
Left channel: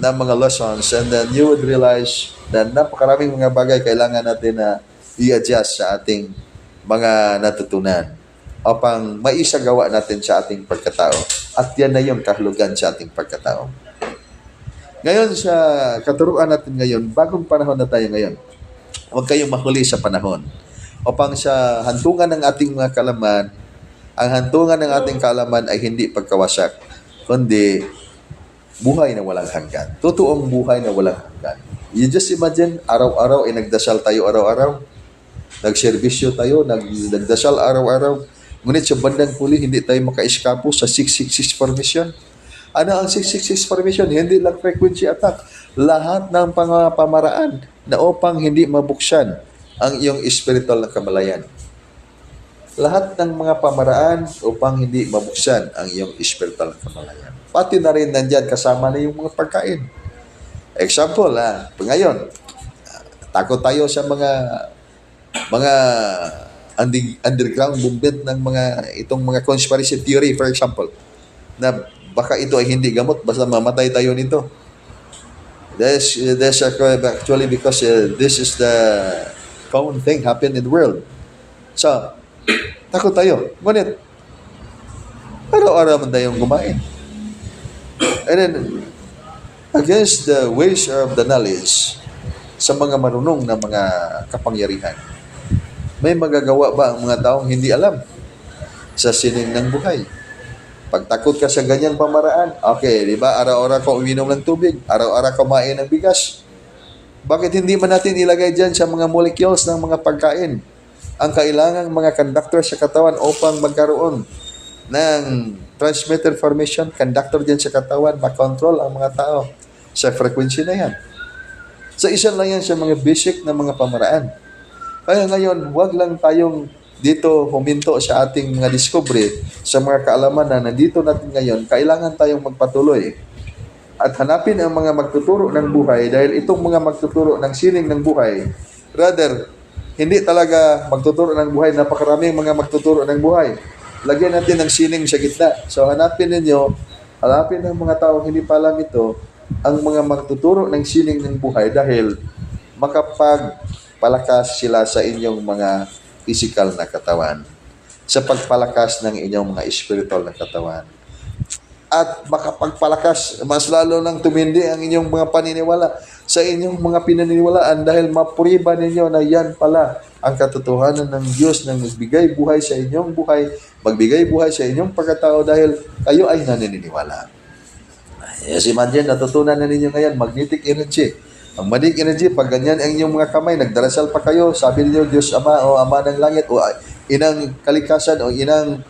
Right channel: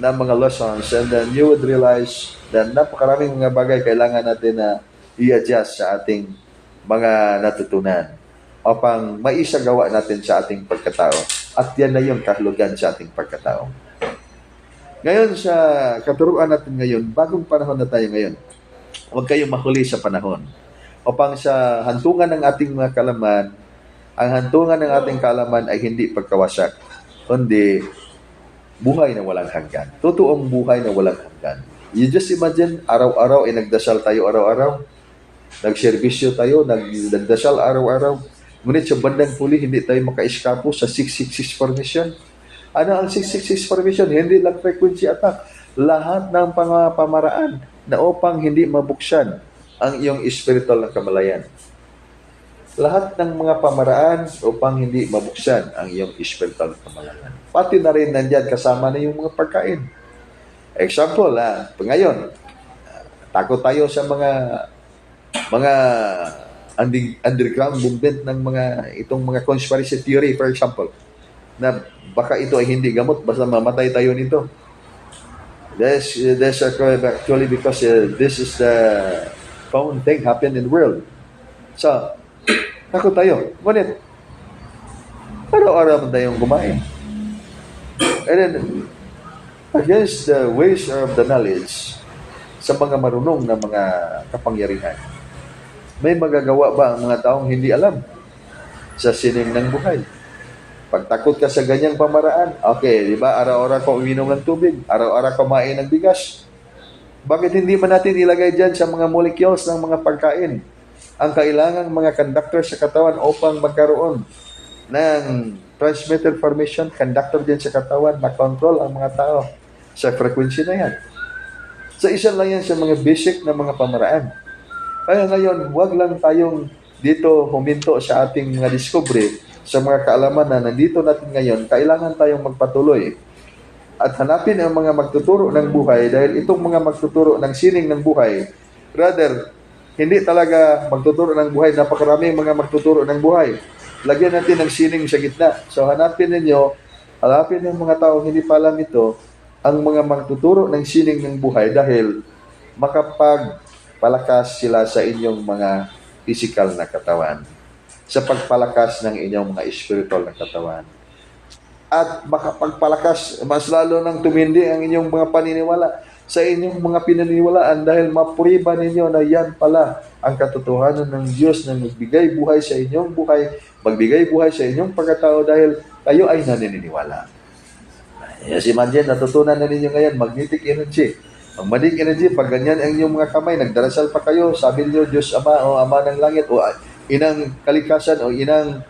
na mga lessons, and then you would realize na napakaraming mga bagay kailangan natin na i-adjust sa ating mga natutunan upang maisagawa natin sa ating pagkatao. At yan na yung kahulugan sa ating pagkatao. Ngayon sa katuruan natin ngayon, bagong panahon na tayo ngayon. Huwag kayong mahuli sa panahon. Upang sa hantungan ng ating mga kaalaman, ang hantungan ng ating kaalaman ay hindi pagkawasak, kundi buhay na walang hanggan. Totoong buhay na walang hanggan. You just imagine, araw-araw ay nagdasal tayo araw-araw. Nagserbisyo tayo, nagdasal araw-araw. Ngunit sa bandang huli, hindi tayo maka-eskapo sa 666 formation. Ano ang 666 formation? Hindi lang frequency attack. Lahat ng pamaraan na upang hindi mabuksan ang iyong spiritual na kamalayan. Lahat ng mga pamaraan upang hindi mabuksan ang iyong spiritual na kamalayan. Pati na rin nandyan kasama na yung mga pagkain. Example, ngayon, takot tayo sa mga underground movement ng itong mga conspiracy theory, for example, na baka ito ay hindi gamot, basta mamatay tayo nito. That's actually because this is the common thing happened in the world. So, takot tayo. Ngunit, araw-araw man tayong kumain. And then, against the ways of the knowledge, sa mga marunong na mga kapangyarihan, may magagawa ba ang mga taong hindi alam sa sining ng buhay? Pagtakot ka sa ganyang pamaraan, okay, di ba? Araw-araw ka uminom ng tubig, araw-araw kumain ng bigas. Bakit hindi man natin ilagay dyan sa mga molecules ng mga pagkain ang kailangang mga conductor sa katawan upang magkaroon ng transmitter formation, conductor dyan sa katawan, makontrol ang mga tao sa frequency na yan. So, isa lang yan sa mga basic na mga pamaraan. Kaya ngayon, huwag lang tayong dito huminto sa ating mga discovery, sa mga kaalaman na nandito natin ngayon. Kailangan tayong magpatuloy at hanapin ang mga magtuturo ng buhay, dahil itong mga magtuturo ng sining ng buhay, rather, hindi talaga magtuturo ng buhay, napakaraming mga magtuturo ng buhay. Lagyan natin ng sining sa gitna. So hanapin ng mga tao hindi pa alam ito, ang mga magtuturo ng sining ng buhay, dahil makapagpalakas sila sa inyong mga physical na katawan, sa pagpalakas ng inyong mga spiritual na katawan, at makapagpalakas, mas lalo nang tumindi ang inyong mga paniniwala sa inyong mga pinaniniwalaan, dahil mapuriba ninyo na yan pala ang katotohanan ng Diyos na magbigay buhay sa inyong buhay, magbigay buhay sa inyong pagkatao, dahil kayo ay naniniwala. Yes, imagine, natutunan na ninyo ngayon, magnetic energy. Ang magnetic energy, pag ganyan ang inyong mga kamay, nagdarasal pa kayo, sabi niyo, Diyos Ama o Ama ng Langit o Inang Kalikasan o Inang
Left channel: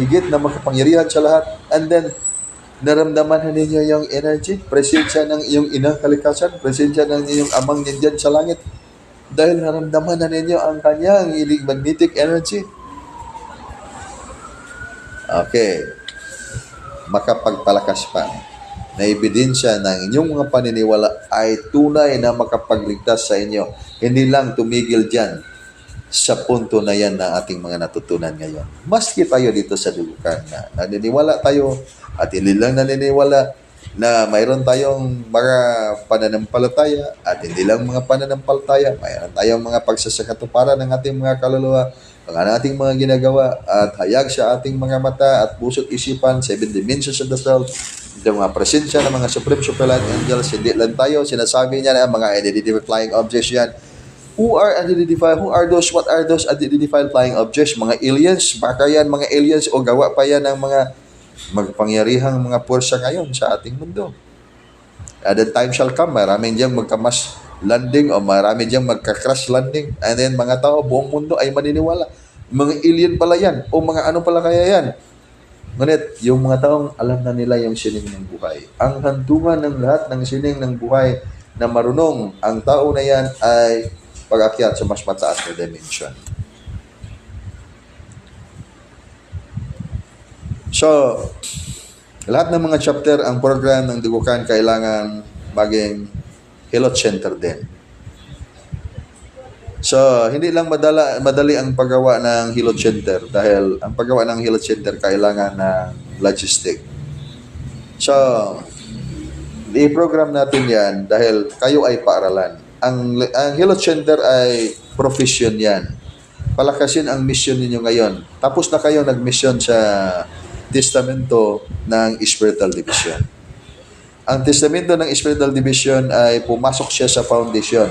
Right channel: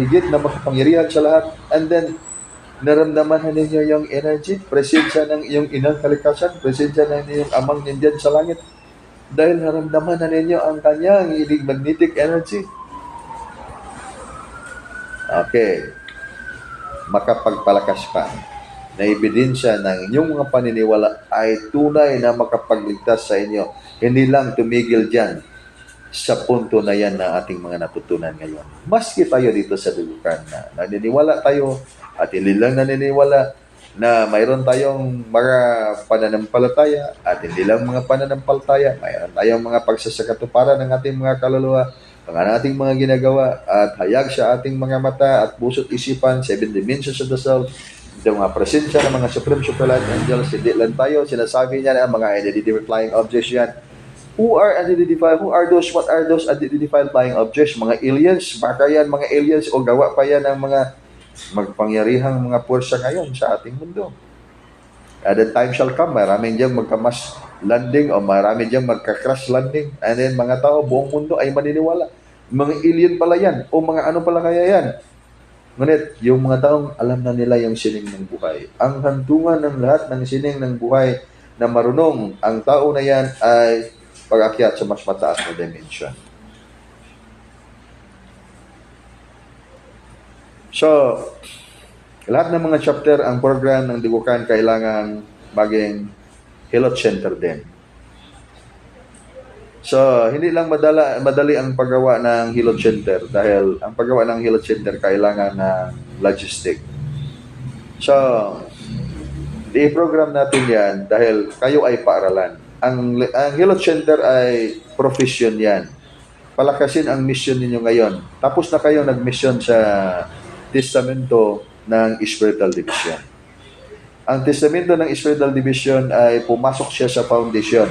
higit na makapangyarihan sa lahat, and then naramdaman ninyo yung energy, presensya ng iyong Inang Kalikasan, presensya ng iyong Amang nandyan sa langit, dahil naramdaman na ninyo ang kanyang magnetic energy. Okay, makapagpalakas pa na ebidensya ng inyong mga paniniwala ay tunay na makapagligtas sa inyo. Hindi lang tumigil dyan sa punto na yan na ating mga natutunan ngayon. Maski tayo dito sa dugukan na naniniwala tayo at hindi lang naniniwala na mayroon tayong mga pananampalataya at hindi lang mga pananampalataya, mayroon tayong mga pagsasakatuparan ng ating mga kaluluwa, ang ating mga ginagawa at hayag sa ating mga mata at puso't isipan, 7 dimensions of the soul, yung mga presensya ng mga supreme superlative angels, hindi lang tayo, sinasabi niya na mga unidentified flying objects yan. Who are unidentified? Who are those? What are those unidentified flying objects? Mga aliens? Baka yan mga aliens o gawa pa yan ng mga magpangyarihang mga pursa ngayon sa ating mundo. At the time shall come, marami diyang magkamas landing o marami diyang magka-crash landing, and then mga tao, buong mundo ay maniniwala. Mga alien pala yan o mga ano pala kaya yan. Ngunit, yung mga taong alam na nila yung sining ng buhay. Ang hantungan ng lahat ng sining ng buhay na marunong, ang tao na yan ay pag-akyat sa mas mataas na dimension. So, lahat ng mga chapter, ang program ng Dugukan kailangan maging Hilot Center din. So, hindi lang madali ang paggawa ng Hilot Center, dahil ang paggawa ng Hilot Center kailangan ng logistic. So, i-program natin yan dahil kayo ay paaralan. Ang Hilot Center ay profession yan. Palakasin ang mission ninyo ngayon. Tapos na kayo nag-mission sa testamento ng spiritual division. Ang testamento ng spiritual division ay pumasok siya sa foundation.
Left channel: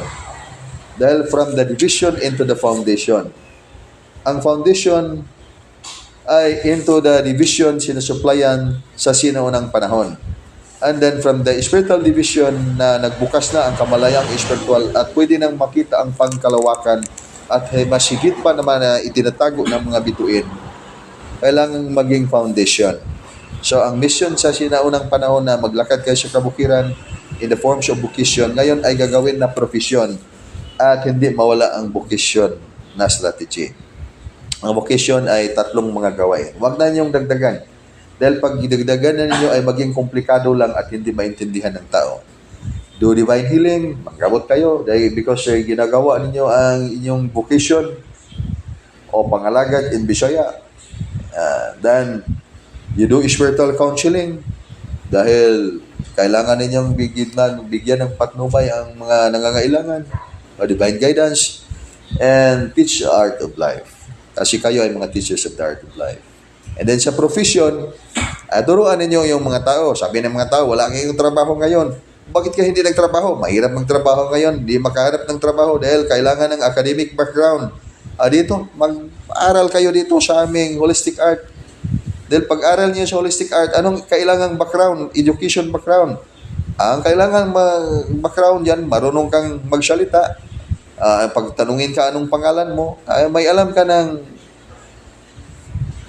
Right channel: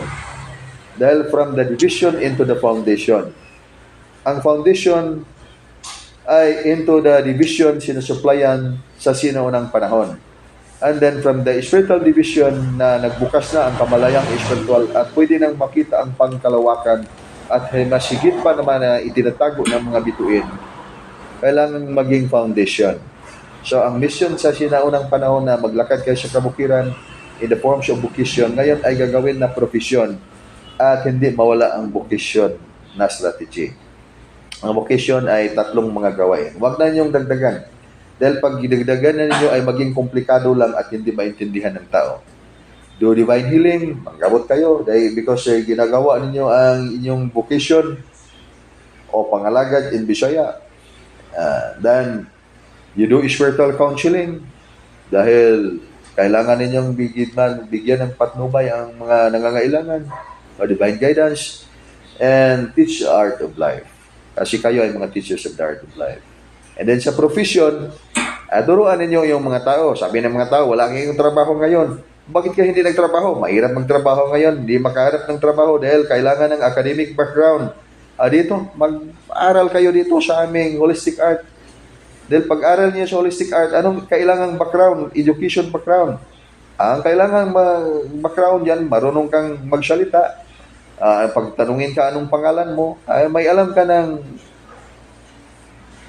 Dahil from the division into the foundation. Ang foundation ay into the division sinusuplayan sa sinaunang panahon. And then from the spiritual division na nagbukas na ang kamalayang spiritual at pwede nang makita ang pangkalawakan at mas higit pa naman na itinatago ng mga bituin, kailangan maging foundation. So ang mission sa sinaunang panahon na maglakad kayo sa kabukiran in the forms of vocation, ngayon ay gagawin na profession at hindi mawala ang vocation na strategy. Ang vocation ay tatlong mga gawain. Huwag na niyong dagdagan. Dahil pag gidagdagan na ninyo ay maging komplikado lang at hindi maintindihan ng tao. Do divine healing, manggamot kayo dahil because ginagawa ninyo ang inyong vocation o pangalagad in Bisaya. Then, you do spiritual counseling dahil kailangan ninyong bigyan ng patnubay ang mga nangangailangan o divine guidance and teach the art of life. Kasi kayo ay mga teachers of the art of life. And then sa profession, turuan ninyo yung mga tao. Sabi ng mga tao, wala kayong trabaho ngayon. Bakit ka hindi nagtrabaho? Mahirap magtrabaho ngayon. Hindi makahanap ng trabaho dahil kailangan ng academic background. Dito, mag-aral kayo dito sa aming holistic art. Dahil pag-aral niyo sa holistic art, anong kailangang background? Education background. Ang kailangan background yan, marunong kang magsalita. Pag tanungin ka anong pangalan mo, may alam ka ng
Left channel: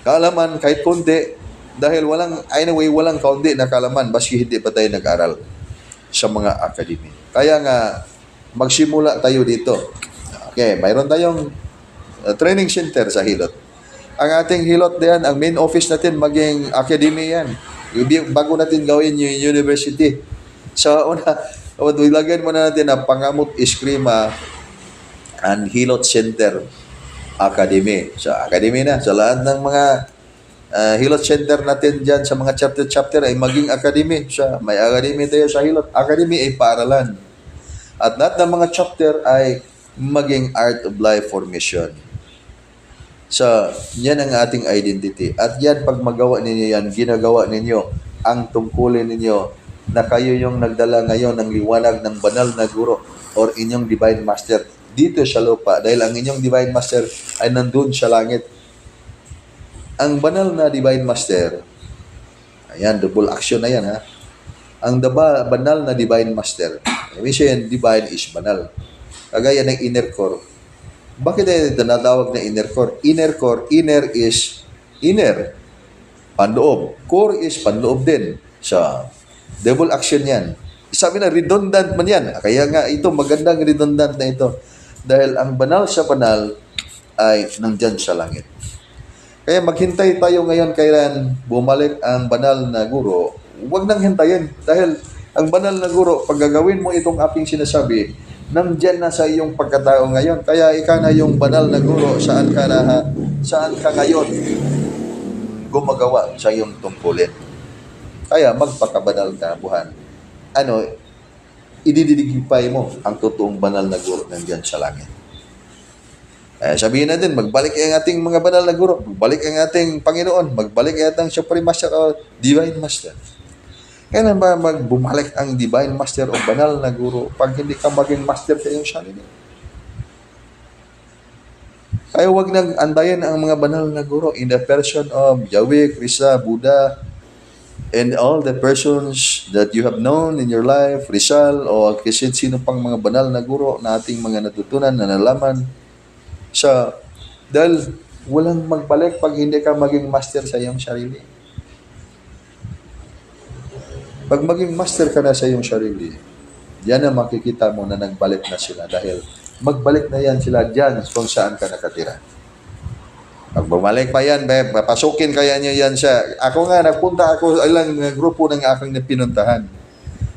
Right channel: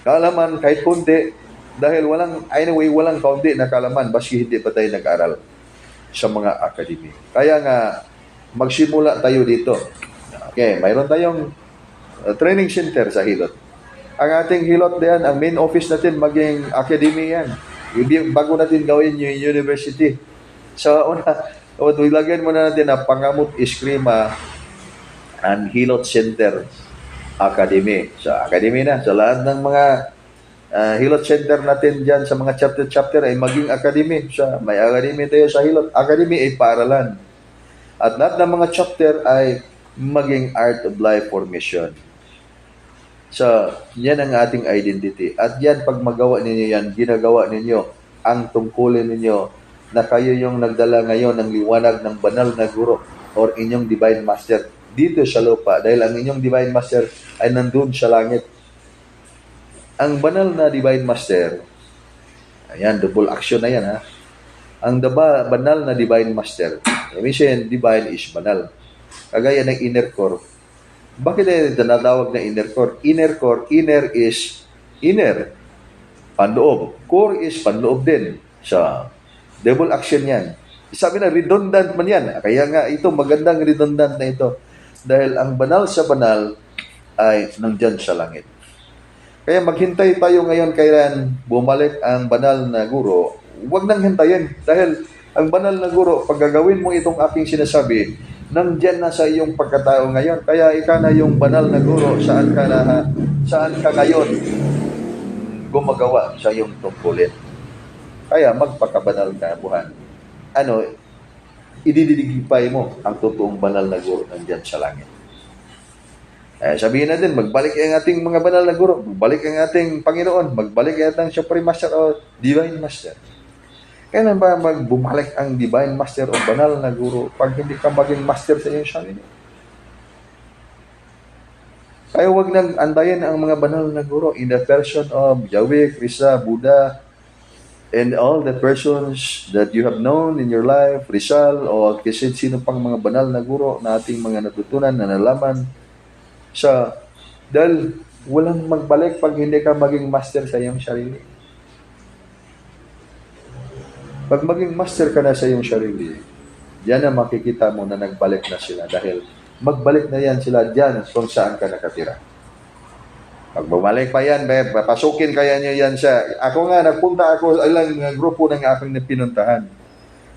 kaalaman kahit kundi dahil walang kaunti na kaalaman baski hindi pa tayo nag-aral sa mga academy. Kaya nga magsimula tayo dito. Okay, mayroon tayong training center sa Hilot. Ang ating Hilot diyan, ang main office natin maging academy yan. Bago natin gawin yung university. So ilagyan muna natin ang Pangamot Eskrima and Hilot Center Academy. So, academy na. Sa lahat ng mga Hilot Center natin dyan sa mga chapter ay maging academy. So, may academy tayo sa Hilot. Academy ay paaralan. At lahat ng mga chapter ay maging art of life formation. So, yan ang ating identity. At yan, pag magawa ninyo yan, ginagawa ninyo ang tungkulin ninyo na kayo yung nagdala ngayon ng liwanag ng banal na guro or inyong divine master dito sa lupa dahil ang inyong divine master ay nandun sa langit. Ang banal na divine master, ayan, double action na yan ha. Ang banal na divine master, ibig divine is banal. Kagaya ng inner core. Bakit ay tinatawag na inner core? Inner core, inner is inner, panloob. Core is panloob din. So, double action yan. Sabi na, redundant man yan. Kaya nga ito, magandang redundant na ito. Dahil ang banal sa banal ay nandyan sa langit. Kaya maghintay tayo ngayon kailan bumalik ang banal na guro. Huwag nang hintayin. Dahil ang banal na guro, pag gagawin mo itong aking sinasabi, nandyan na sa iyong pagkatao ngayon. Kaya ika na yung banal na guro, saan ka ngayon gumagawa sa iyong tungkulin. Kaya magpakabanal ka, buhan. Ididigipay mo ang totoong banal na guro nandyan sa langit. Sabihin natin, magbalik ang ating mga banal na guro, magbalik ang ating Panginoon, magbalik ang ating Supreme Master o Divine Master. Kailan ba bumalik ang Divine Master o banal na guro pag hindi ka maging master sa iyong sarili? Kaya huwag nang andayan ang mga banal na guro in the person of Yahweh, Krista, Buddha, and all the persons that you have known in your life, Rizal, o kasi sino pang mga banal na guro na ating mga natutunan na nalaman dahil walang magbalik pag hindi ka maging master sa iyong sarili. Pag maging master ka na sa iyong sarili, yan na makikita mo na nagbalik na sila dahil magbalik na yan sila dyan kung saan ka nakatira. Pag bumalik pa yan, papasukin kaya niyo yan siya. Ako nga, nagpunta ako ilang grupo ng aking pinuntahan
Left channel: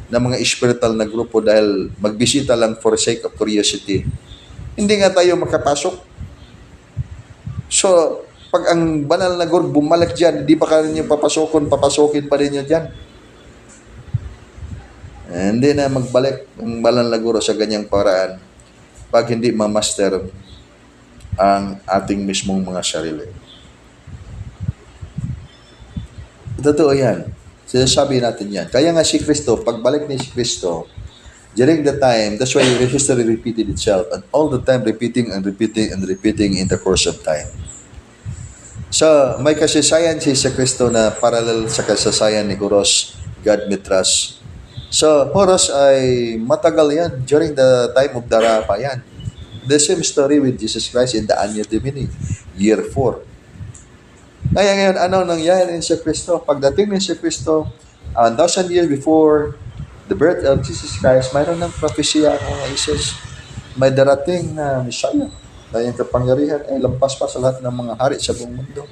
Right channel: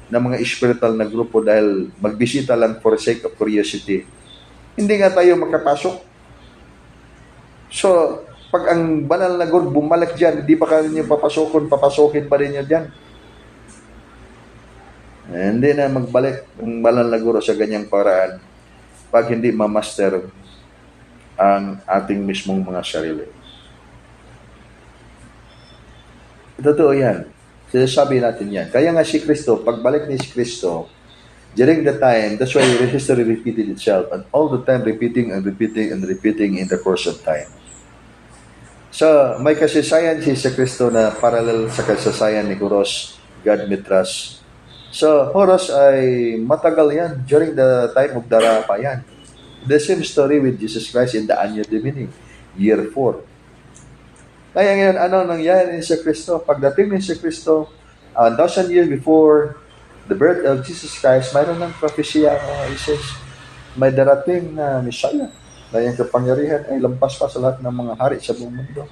ng mga spiritual na grupo dahil magbisita lang for sake of curiosity. Hindi nga tayo makapasok. So, pag ang banal na guro bumalik dyan, di ba kayo papasukin pa rin nyo dyan? Hindi na magbalik ang banal na guro sa ganyang paraan pag hindi ma-master ang ating mismong mga sarili. Totoo yan. Sinasabi natin yan. Kaya nga si Kristo, pagbalik ni si Kristo, during the time, that's why history repeated itself and all the time repeating and repeating and repeating in the course of time. So, may kasaysayan si Kristo na parallel sa kasaysayan ni Horus Godmitras. So, Horus ay matagal yan during the time of Dara pa yan. The same story with Jesus Christ in the Anno Domini, year 4. Kaya ngayon, anong nangyari ni Kristo? Pagdating ni Kristo, 1,000 years before the birth of Jesus Christ, mayroon ng propesya ng Isis, may darating na Messiah na yung kapangyarihan ay lampas pa sa lahat ng mga hari sa buong mundo.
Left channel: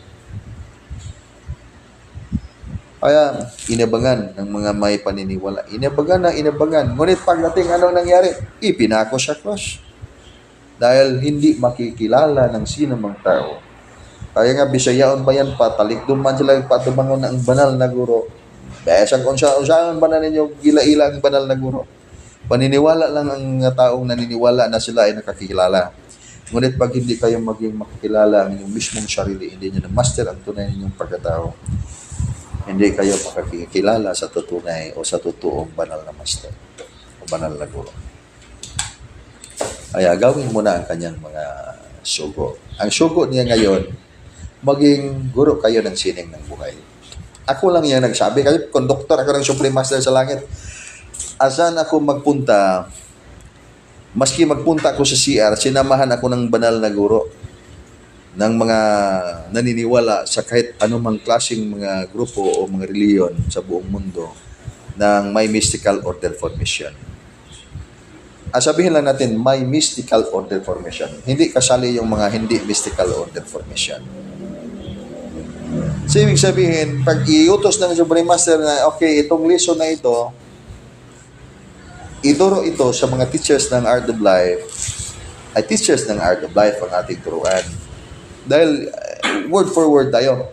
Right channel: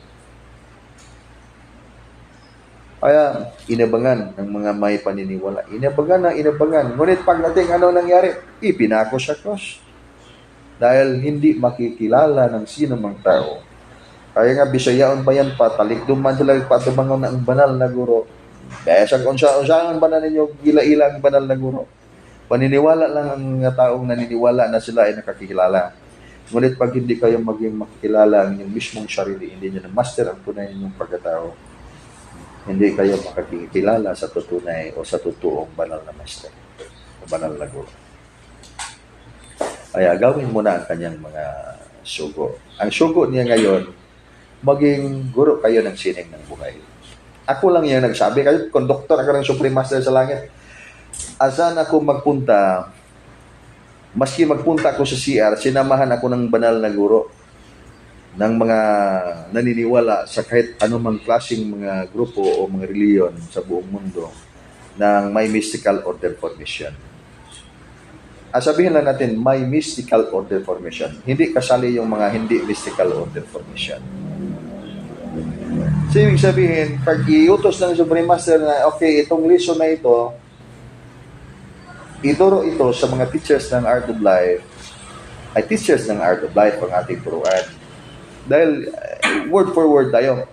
Kaya inabangan ng mga may paniniwala. Inabangan. Ngunit pagdating anong nangyari? Ipinako sa cross. Dahil hindi makikilala ng sinumang tao. Kaya nga bisayaon pa yan, patalikdom man sila patubangon ng banal na guro. Besang unsa ang banal ninyo, gila-ila ang banal na guro. Paniniwala lang ang taong naniniwala na sila ay nakakilala. Ngunit pag hindi kayo maging makikilala ang inyong mismong sarili, hindi nyo na-master ang tunay ninyong pagkatao, hindi kayo makikilala sa tutunay o sa totoong banal na master o banal na guro. Kaya gawin mo na ang kanyang mga sugo. Ang sugo niya ngayon, maging guro kayo ng sining ng buhay. Ako lang yan nagsabi. Kayo, conductor, ako ng Supreme Master sa langit. Asan ako magpunta, maski magpunta ako sa CR, sinamahan ako ng banal na guro ng mga naniniwala sa kahit anumang klaseng mga grupo o mga reliyon sa buong mundo ng may mystical order formation. Sabihin lang natin, may mystical order formation. Hindi kasali yung mga hindi mystical order formation. So, ibig sabihin, pag iutos ng Supreme Master na, okay, itong lesson na ito, ituro ito sa mga teachers ng Art of Life, ay teachers ng Art of Life ang ating turuan. Dahil, word for word tayo.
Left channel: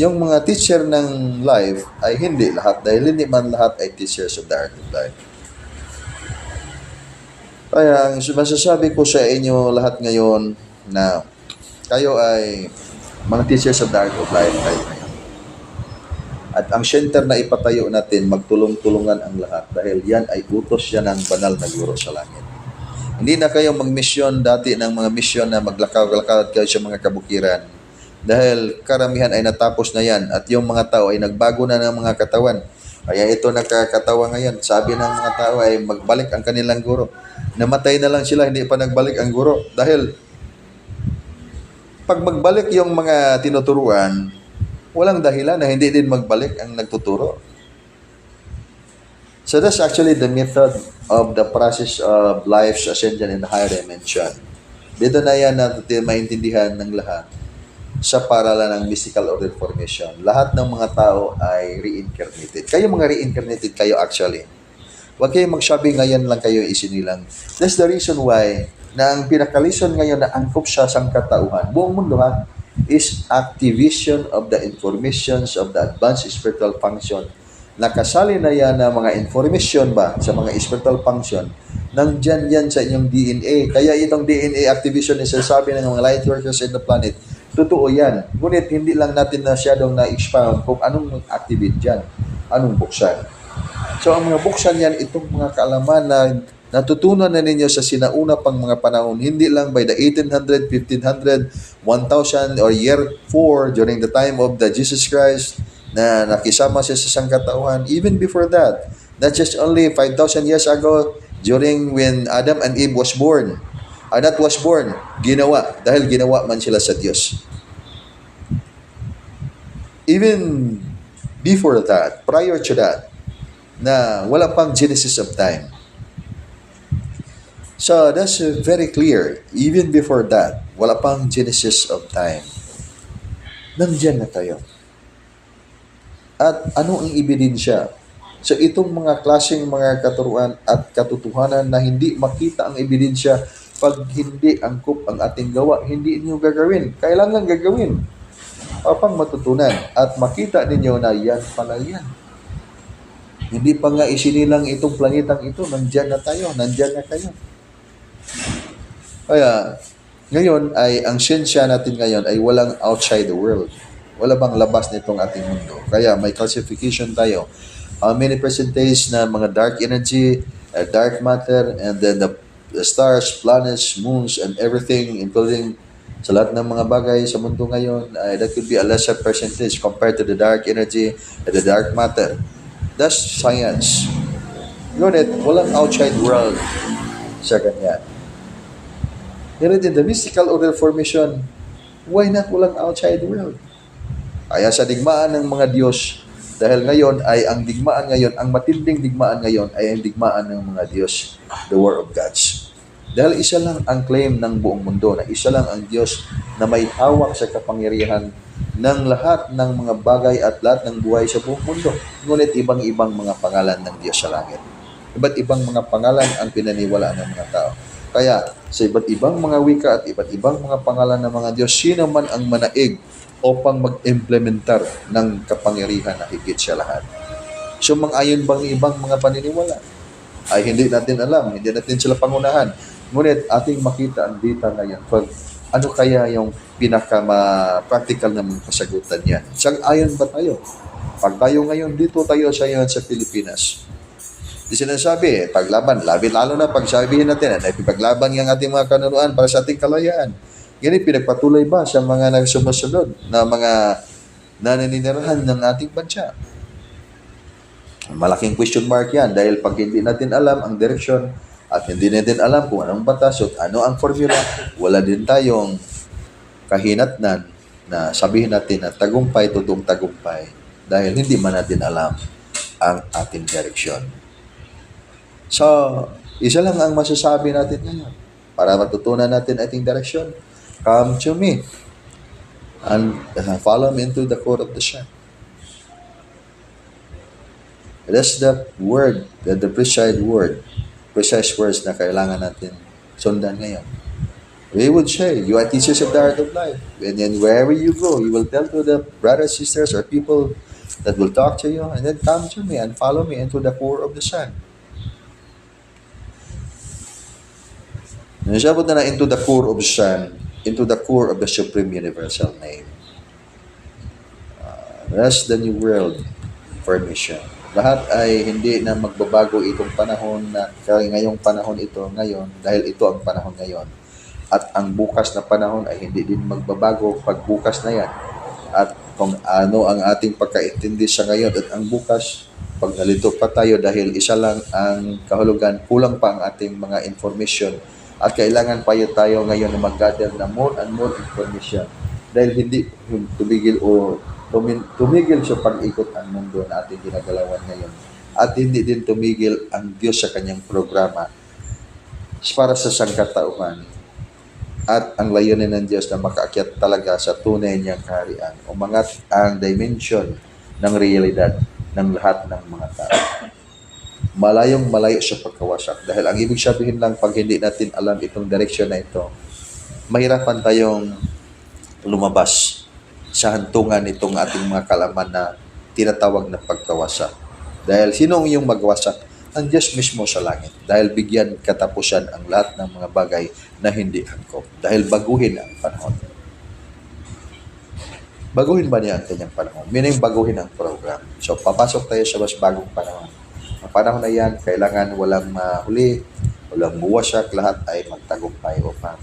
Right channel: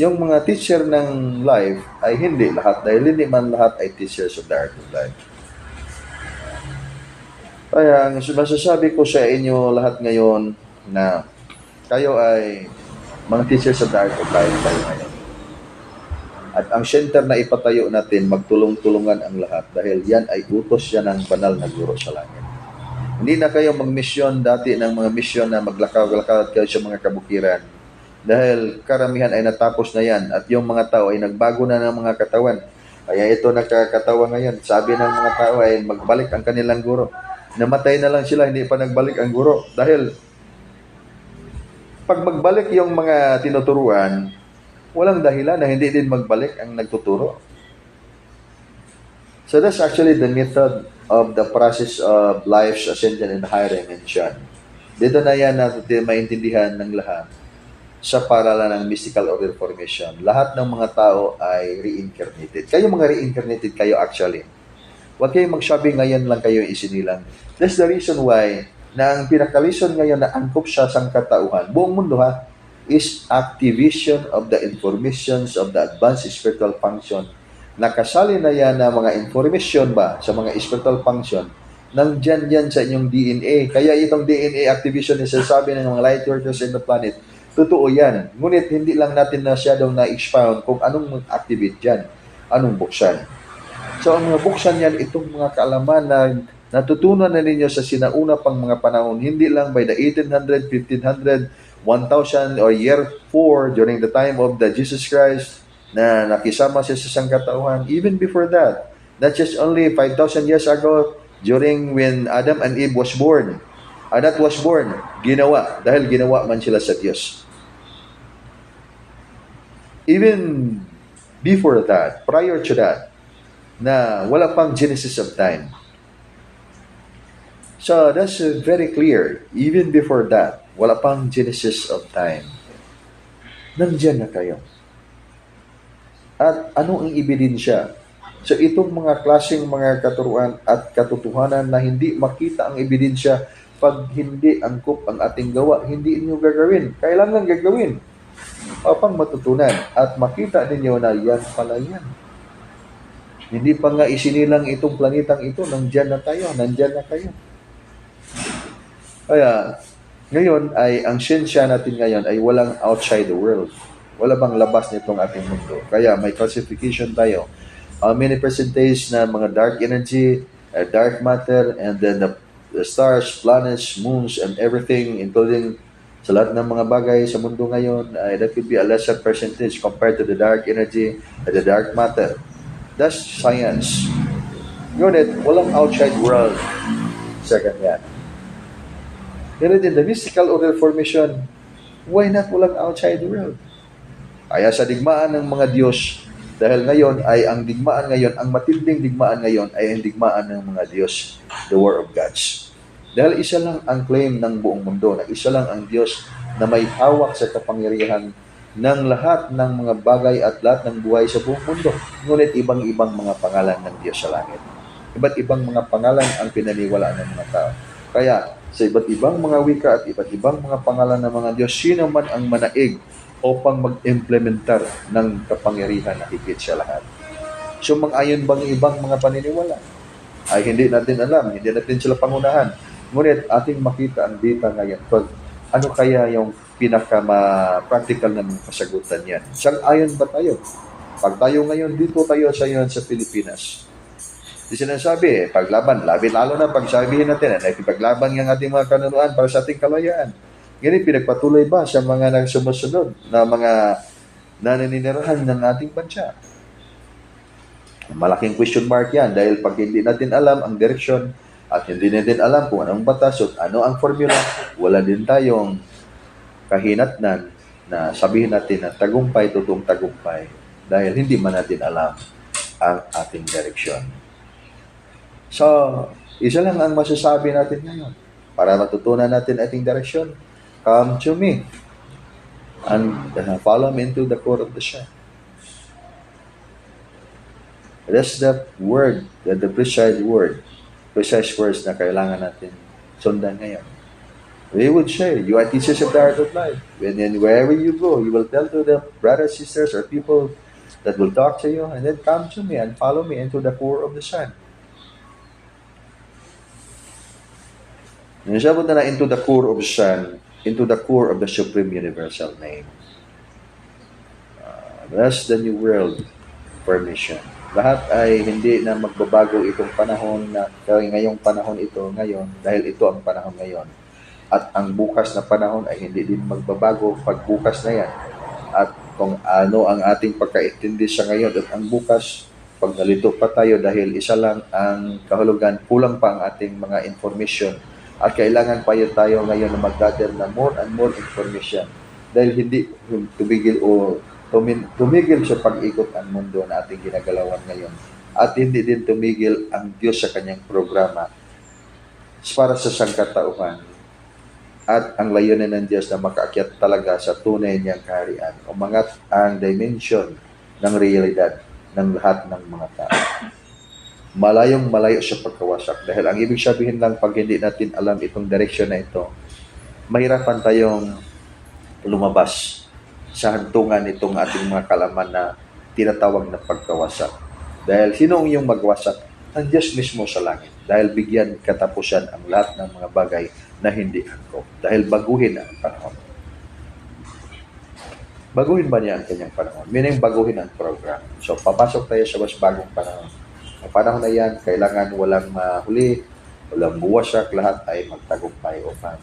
Yung mga teacher ng life ay hindi lahat, dahil hindi man lahat ay teachers of the Art of Life. Kaya, masasabi ko sa inyo lahat ngayon na kayo ay mga teachers of the Art of Life tayo ngayon. At ang center na ipatayo natin, magtulong-tulungan ang lahat dahil yan ay utos yan ng banal na guro sa langit. Hindi na kayo mag-mission dati ng mga mission na maglakaw-lakad kayo sa mga kabukiran dahil karamihan ay natapos na yan at yung mga tao ay nagbago na ng mga katawan. Kaya ito nakakatawa ngayon. Sabi ng mga tao ay magbalik ang kanilang guro. Namatay na lang sila, hindi pa nagbalik ang guro. Dahil pag magbalik yung mga tinuturuan, walang dahilan na hindi din magbalik ang nagtuturo. So that's actually the method of the process of life's ascension in the higher dimension. Dito na yan natin maintindihan ng lahat sa paralan ng mystical order formation. Lahat ng mga tao ay reincarnated. Kayo mga reincarnated kayo actually. Huwag kayong magsabi ngayon lang kayo isinilang. That's the reason why na ang pinaka-reason ngayon na angkop siya sa katauhan, buong mundo ha, is activation of the informations of the advanced spiritual function. Nakasali na yan na mga information ba sa mga spiritual function nandyan yan sa inyong DNA. Kaya itong DNA activation na sinasabi ng mga light workers in the planet, totoo yan. Ngunit hindi lang natin masyadong na-expound kung anong activate dyan, anong buksan. So, ang mga buksan yan, itong mga kaalaman na natutunan na ninyo sa sinauna pang mga panahon, hindi lang by the 1800, 1500, 1000, or year 4 during the time of the Jesus Christ na nakisama siya sa sangkatauhan. Even before that, not just only 5,000 years ago during when Adam and Eve was born. That was born, ginawa, dahil ginawa man sila sa Diyos. Even before that, prior to that, na wala pang genesis of time. So, that's very clear. Even before that, wala pang genesis of time. Nandiyan na kayo. At ano ang ebidensya? So, itong mga klaseng mga katuruan at katotohanan na hindi makita ang ebidensya pag hindi angkop ang ating gawa, hindi inyo gagawin. Kailangan gagawin upang matutunan at makita ninyo na yan pala yan. Hindi pa nga isinilang itong planetang ito, nandyan na tayo, nandyan na kayo. Kaya, ngayon ay, ang siyensya natin ngayon ay walang outside the world. Wala bang labas nitong ating mundo? Kaya may classification tayo. How many percentage na mga dark energy, dark matter, and then the stars, planets, moons, and everything, including sa lahat ng mga bagay sa mundo ngayon, that could be a lesser percentage compared to the dark energy and the dark matter. That's science. Ngunit, walang outside world sa kanya. Ngunit in the mystical order formation, why not walang outside world? Kaya sa digmaan ng mga Diyos, dahil ngayon ay ang digmaan ngayon, ang matinding digmaan ngayon ay ang digmaan ng mga Diyos, the War of Gods. Dahil isa lang ang claim ng buong mundo, na isa lang ang Diyos na may hawak sa kapangyarihan ng lahat ng mga bagay at lahat ng buhay sa buong mundo. Ngunit ibang-ibang mga pangalan ng Diyos sa langit. Iba't ibang mga pangalan ang pinaniwalaan ng mga tao. Kaya sa iba't ibang mga wika at iba't ibang mga pangalan ng mga Diyos, sino man ang manaig upang mag-implementar ng kapangyarihan na higit sa lahat. So mang-ayon bang ibang mga paniniwala? Ay hindi natin alam, hindi natin sila pangunahan. Ngunit ating makita ang data ngayon. Pag ano kaya yung pinaka-practical na mga kasagutan niya? Sang-ayon ba tayo? Pag tayo ngayon, dito tayo sa Pilipinas. Di sinasabi, paglaban, lalo na pag sabihin natin, paglaban ng ating mga kanunuan para sa ating kalayaan. Ganun, pinagpatuloy ba sa mga nagsumusunod na mga naninirahan ng ating bansa? Malaking question mark yan dahil pag hindi natin alam ang direksyon at hindi natin alam kung anong batas at ano ang formula, wala din tayong kahinatnan na sabihin natin na tagumpay, totoong tagumpay dahil hindi man natin alam ang ating direksyon. So, isa lang ang masasabi natin ngayon para matutunan natin ating direksyon. Come to me and follow me into the court of the sun. That's the word, the precise words na kailangan natin sundan ngayon. We would say, you are teachers of the art of life. And then wherever you go, you will tell to the brothers, sisters, or people that will talk to you, and then come to me and follow me into the core of the sun. Nasabot na into the core of the sun, into the core of the Supreme Universal Name. That's the new world formation. Lahat ay hindi na magbabago itong panahon na ngayong panahon ito ngayon dahil ito ang panahon ngayon. At ang bukas na panahon ay hindi din magbabago pag bukas na yan. At kung ano ang ating pagkaintindi sa ngayon at ang bukas, pag nalito pa tayo dahil isa lang ang kahulugan, kulang pa ang ating mga information at kailangan pa tayo ngayon na mag-gather na more and more information dahil hindi yung tumigil sa pag-ikot ang mundo na ating ginagalawan ngayon at hindi din tumigil ang Diyos sa kanyang programa para sa sangkatauhan at ang layunin ng Diyos na makaakyat talaga sa tunay niyang kaharian, umangat ang dimension ng realidad ng lahat ng mga tao. Malayong malayo sa pagkawasak dahil ang ibig sabihin lang pag hindi natin alam itong direksyon na ito, mahirapan tayong lumabas sa hantungan itong ating mga kalaman na tinatawag na pagkawasak. Dahil sino ang iyong magwasak? Ang Diyos mismo sa langit. Dahil bigyan katapusan ang lahat ng mga bagay na hindi angkop. Dahil baguhin ang panahon. Baguhin ba niya ang kanyang panahon? Meaning baguhin ang program. So papasok tayo sa mas bagong panahon. Ang panahon na yan, kailangan walang huli, walang buwasak, lahat ay magtagumpay upang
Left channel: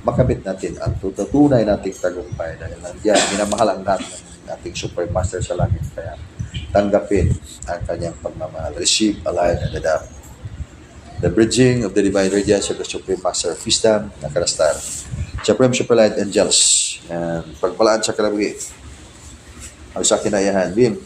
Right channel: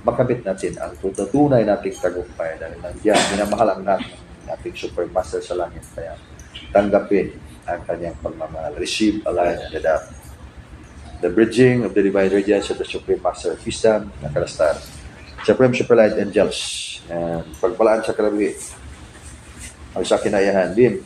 makamit natin ang tutunay nating tagumpay dahil nandiyan, minamahal ang lahat ng ating supermaster sa langit. Kaya tanggapin ang kanyang pagmamahal. Receive, align, and adapt. The bridging of the divine radiance of the Supreme Master of Wisdom, Nakarastar. Supreme Superlight Angels. And pagpalaan sa kalabi. Ang sa kinayahan. Bim.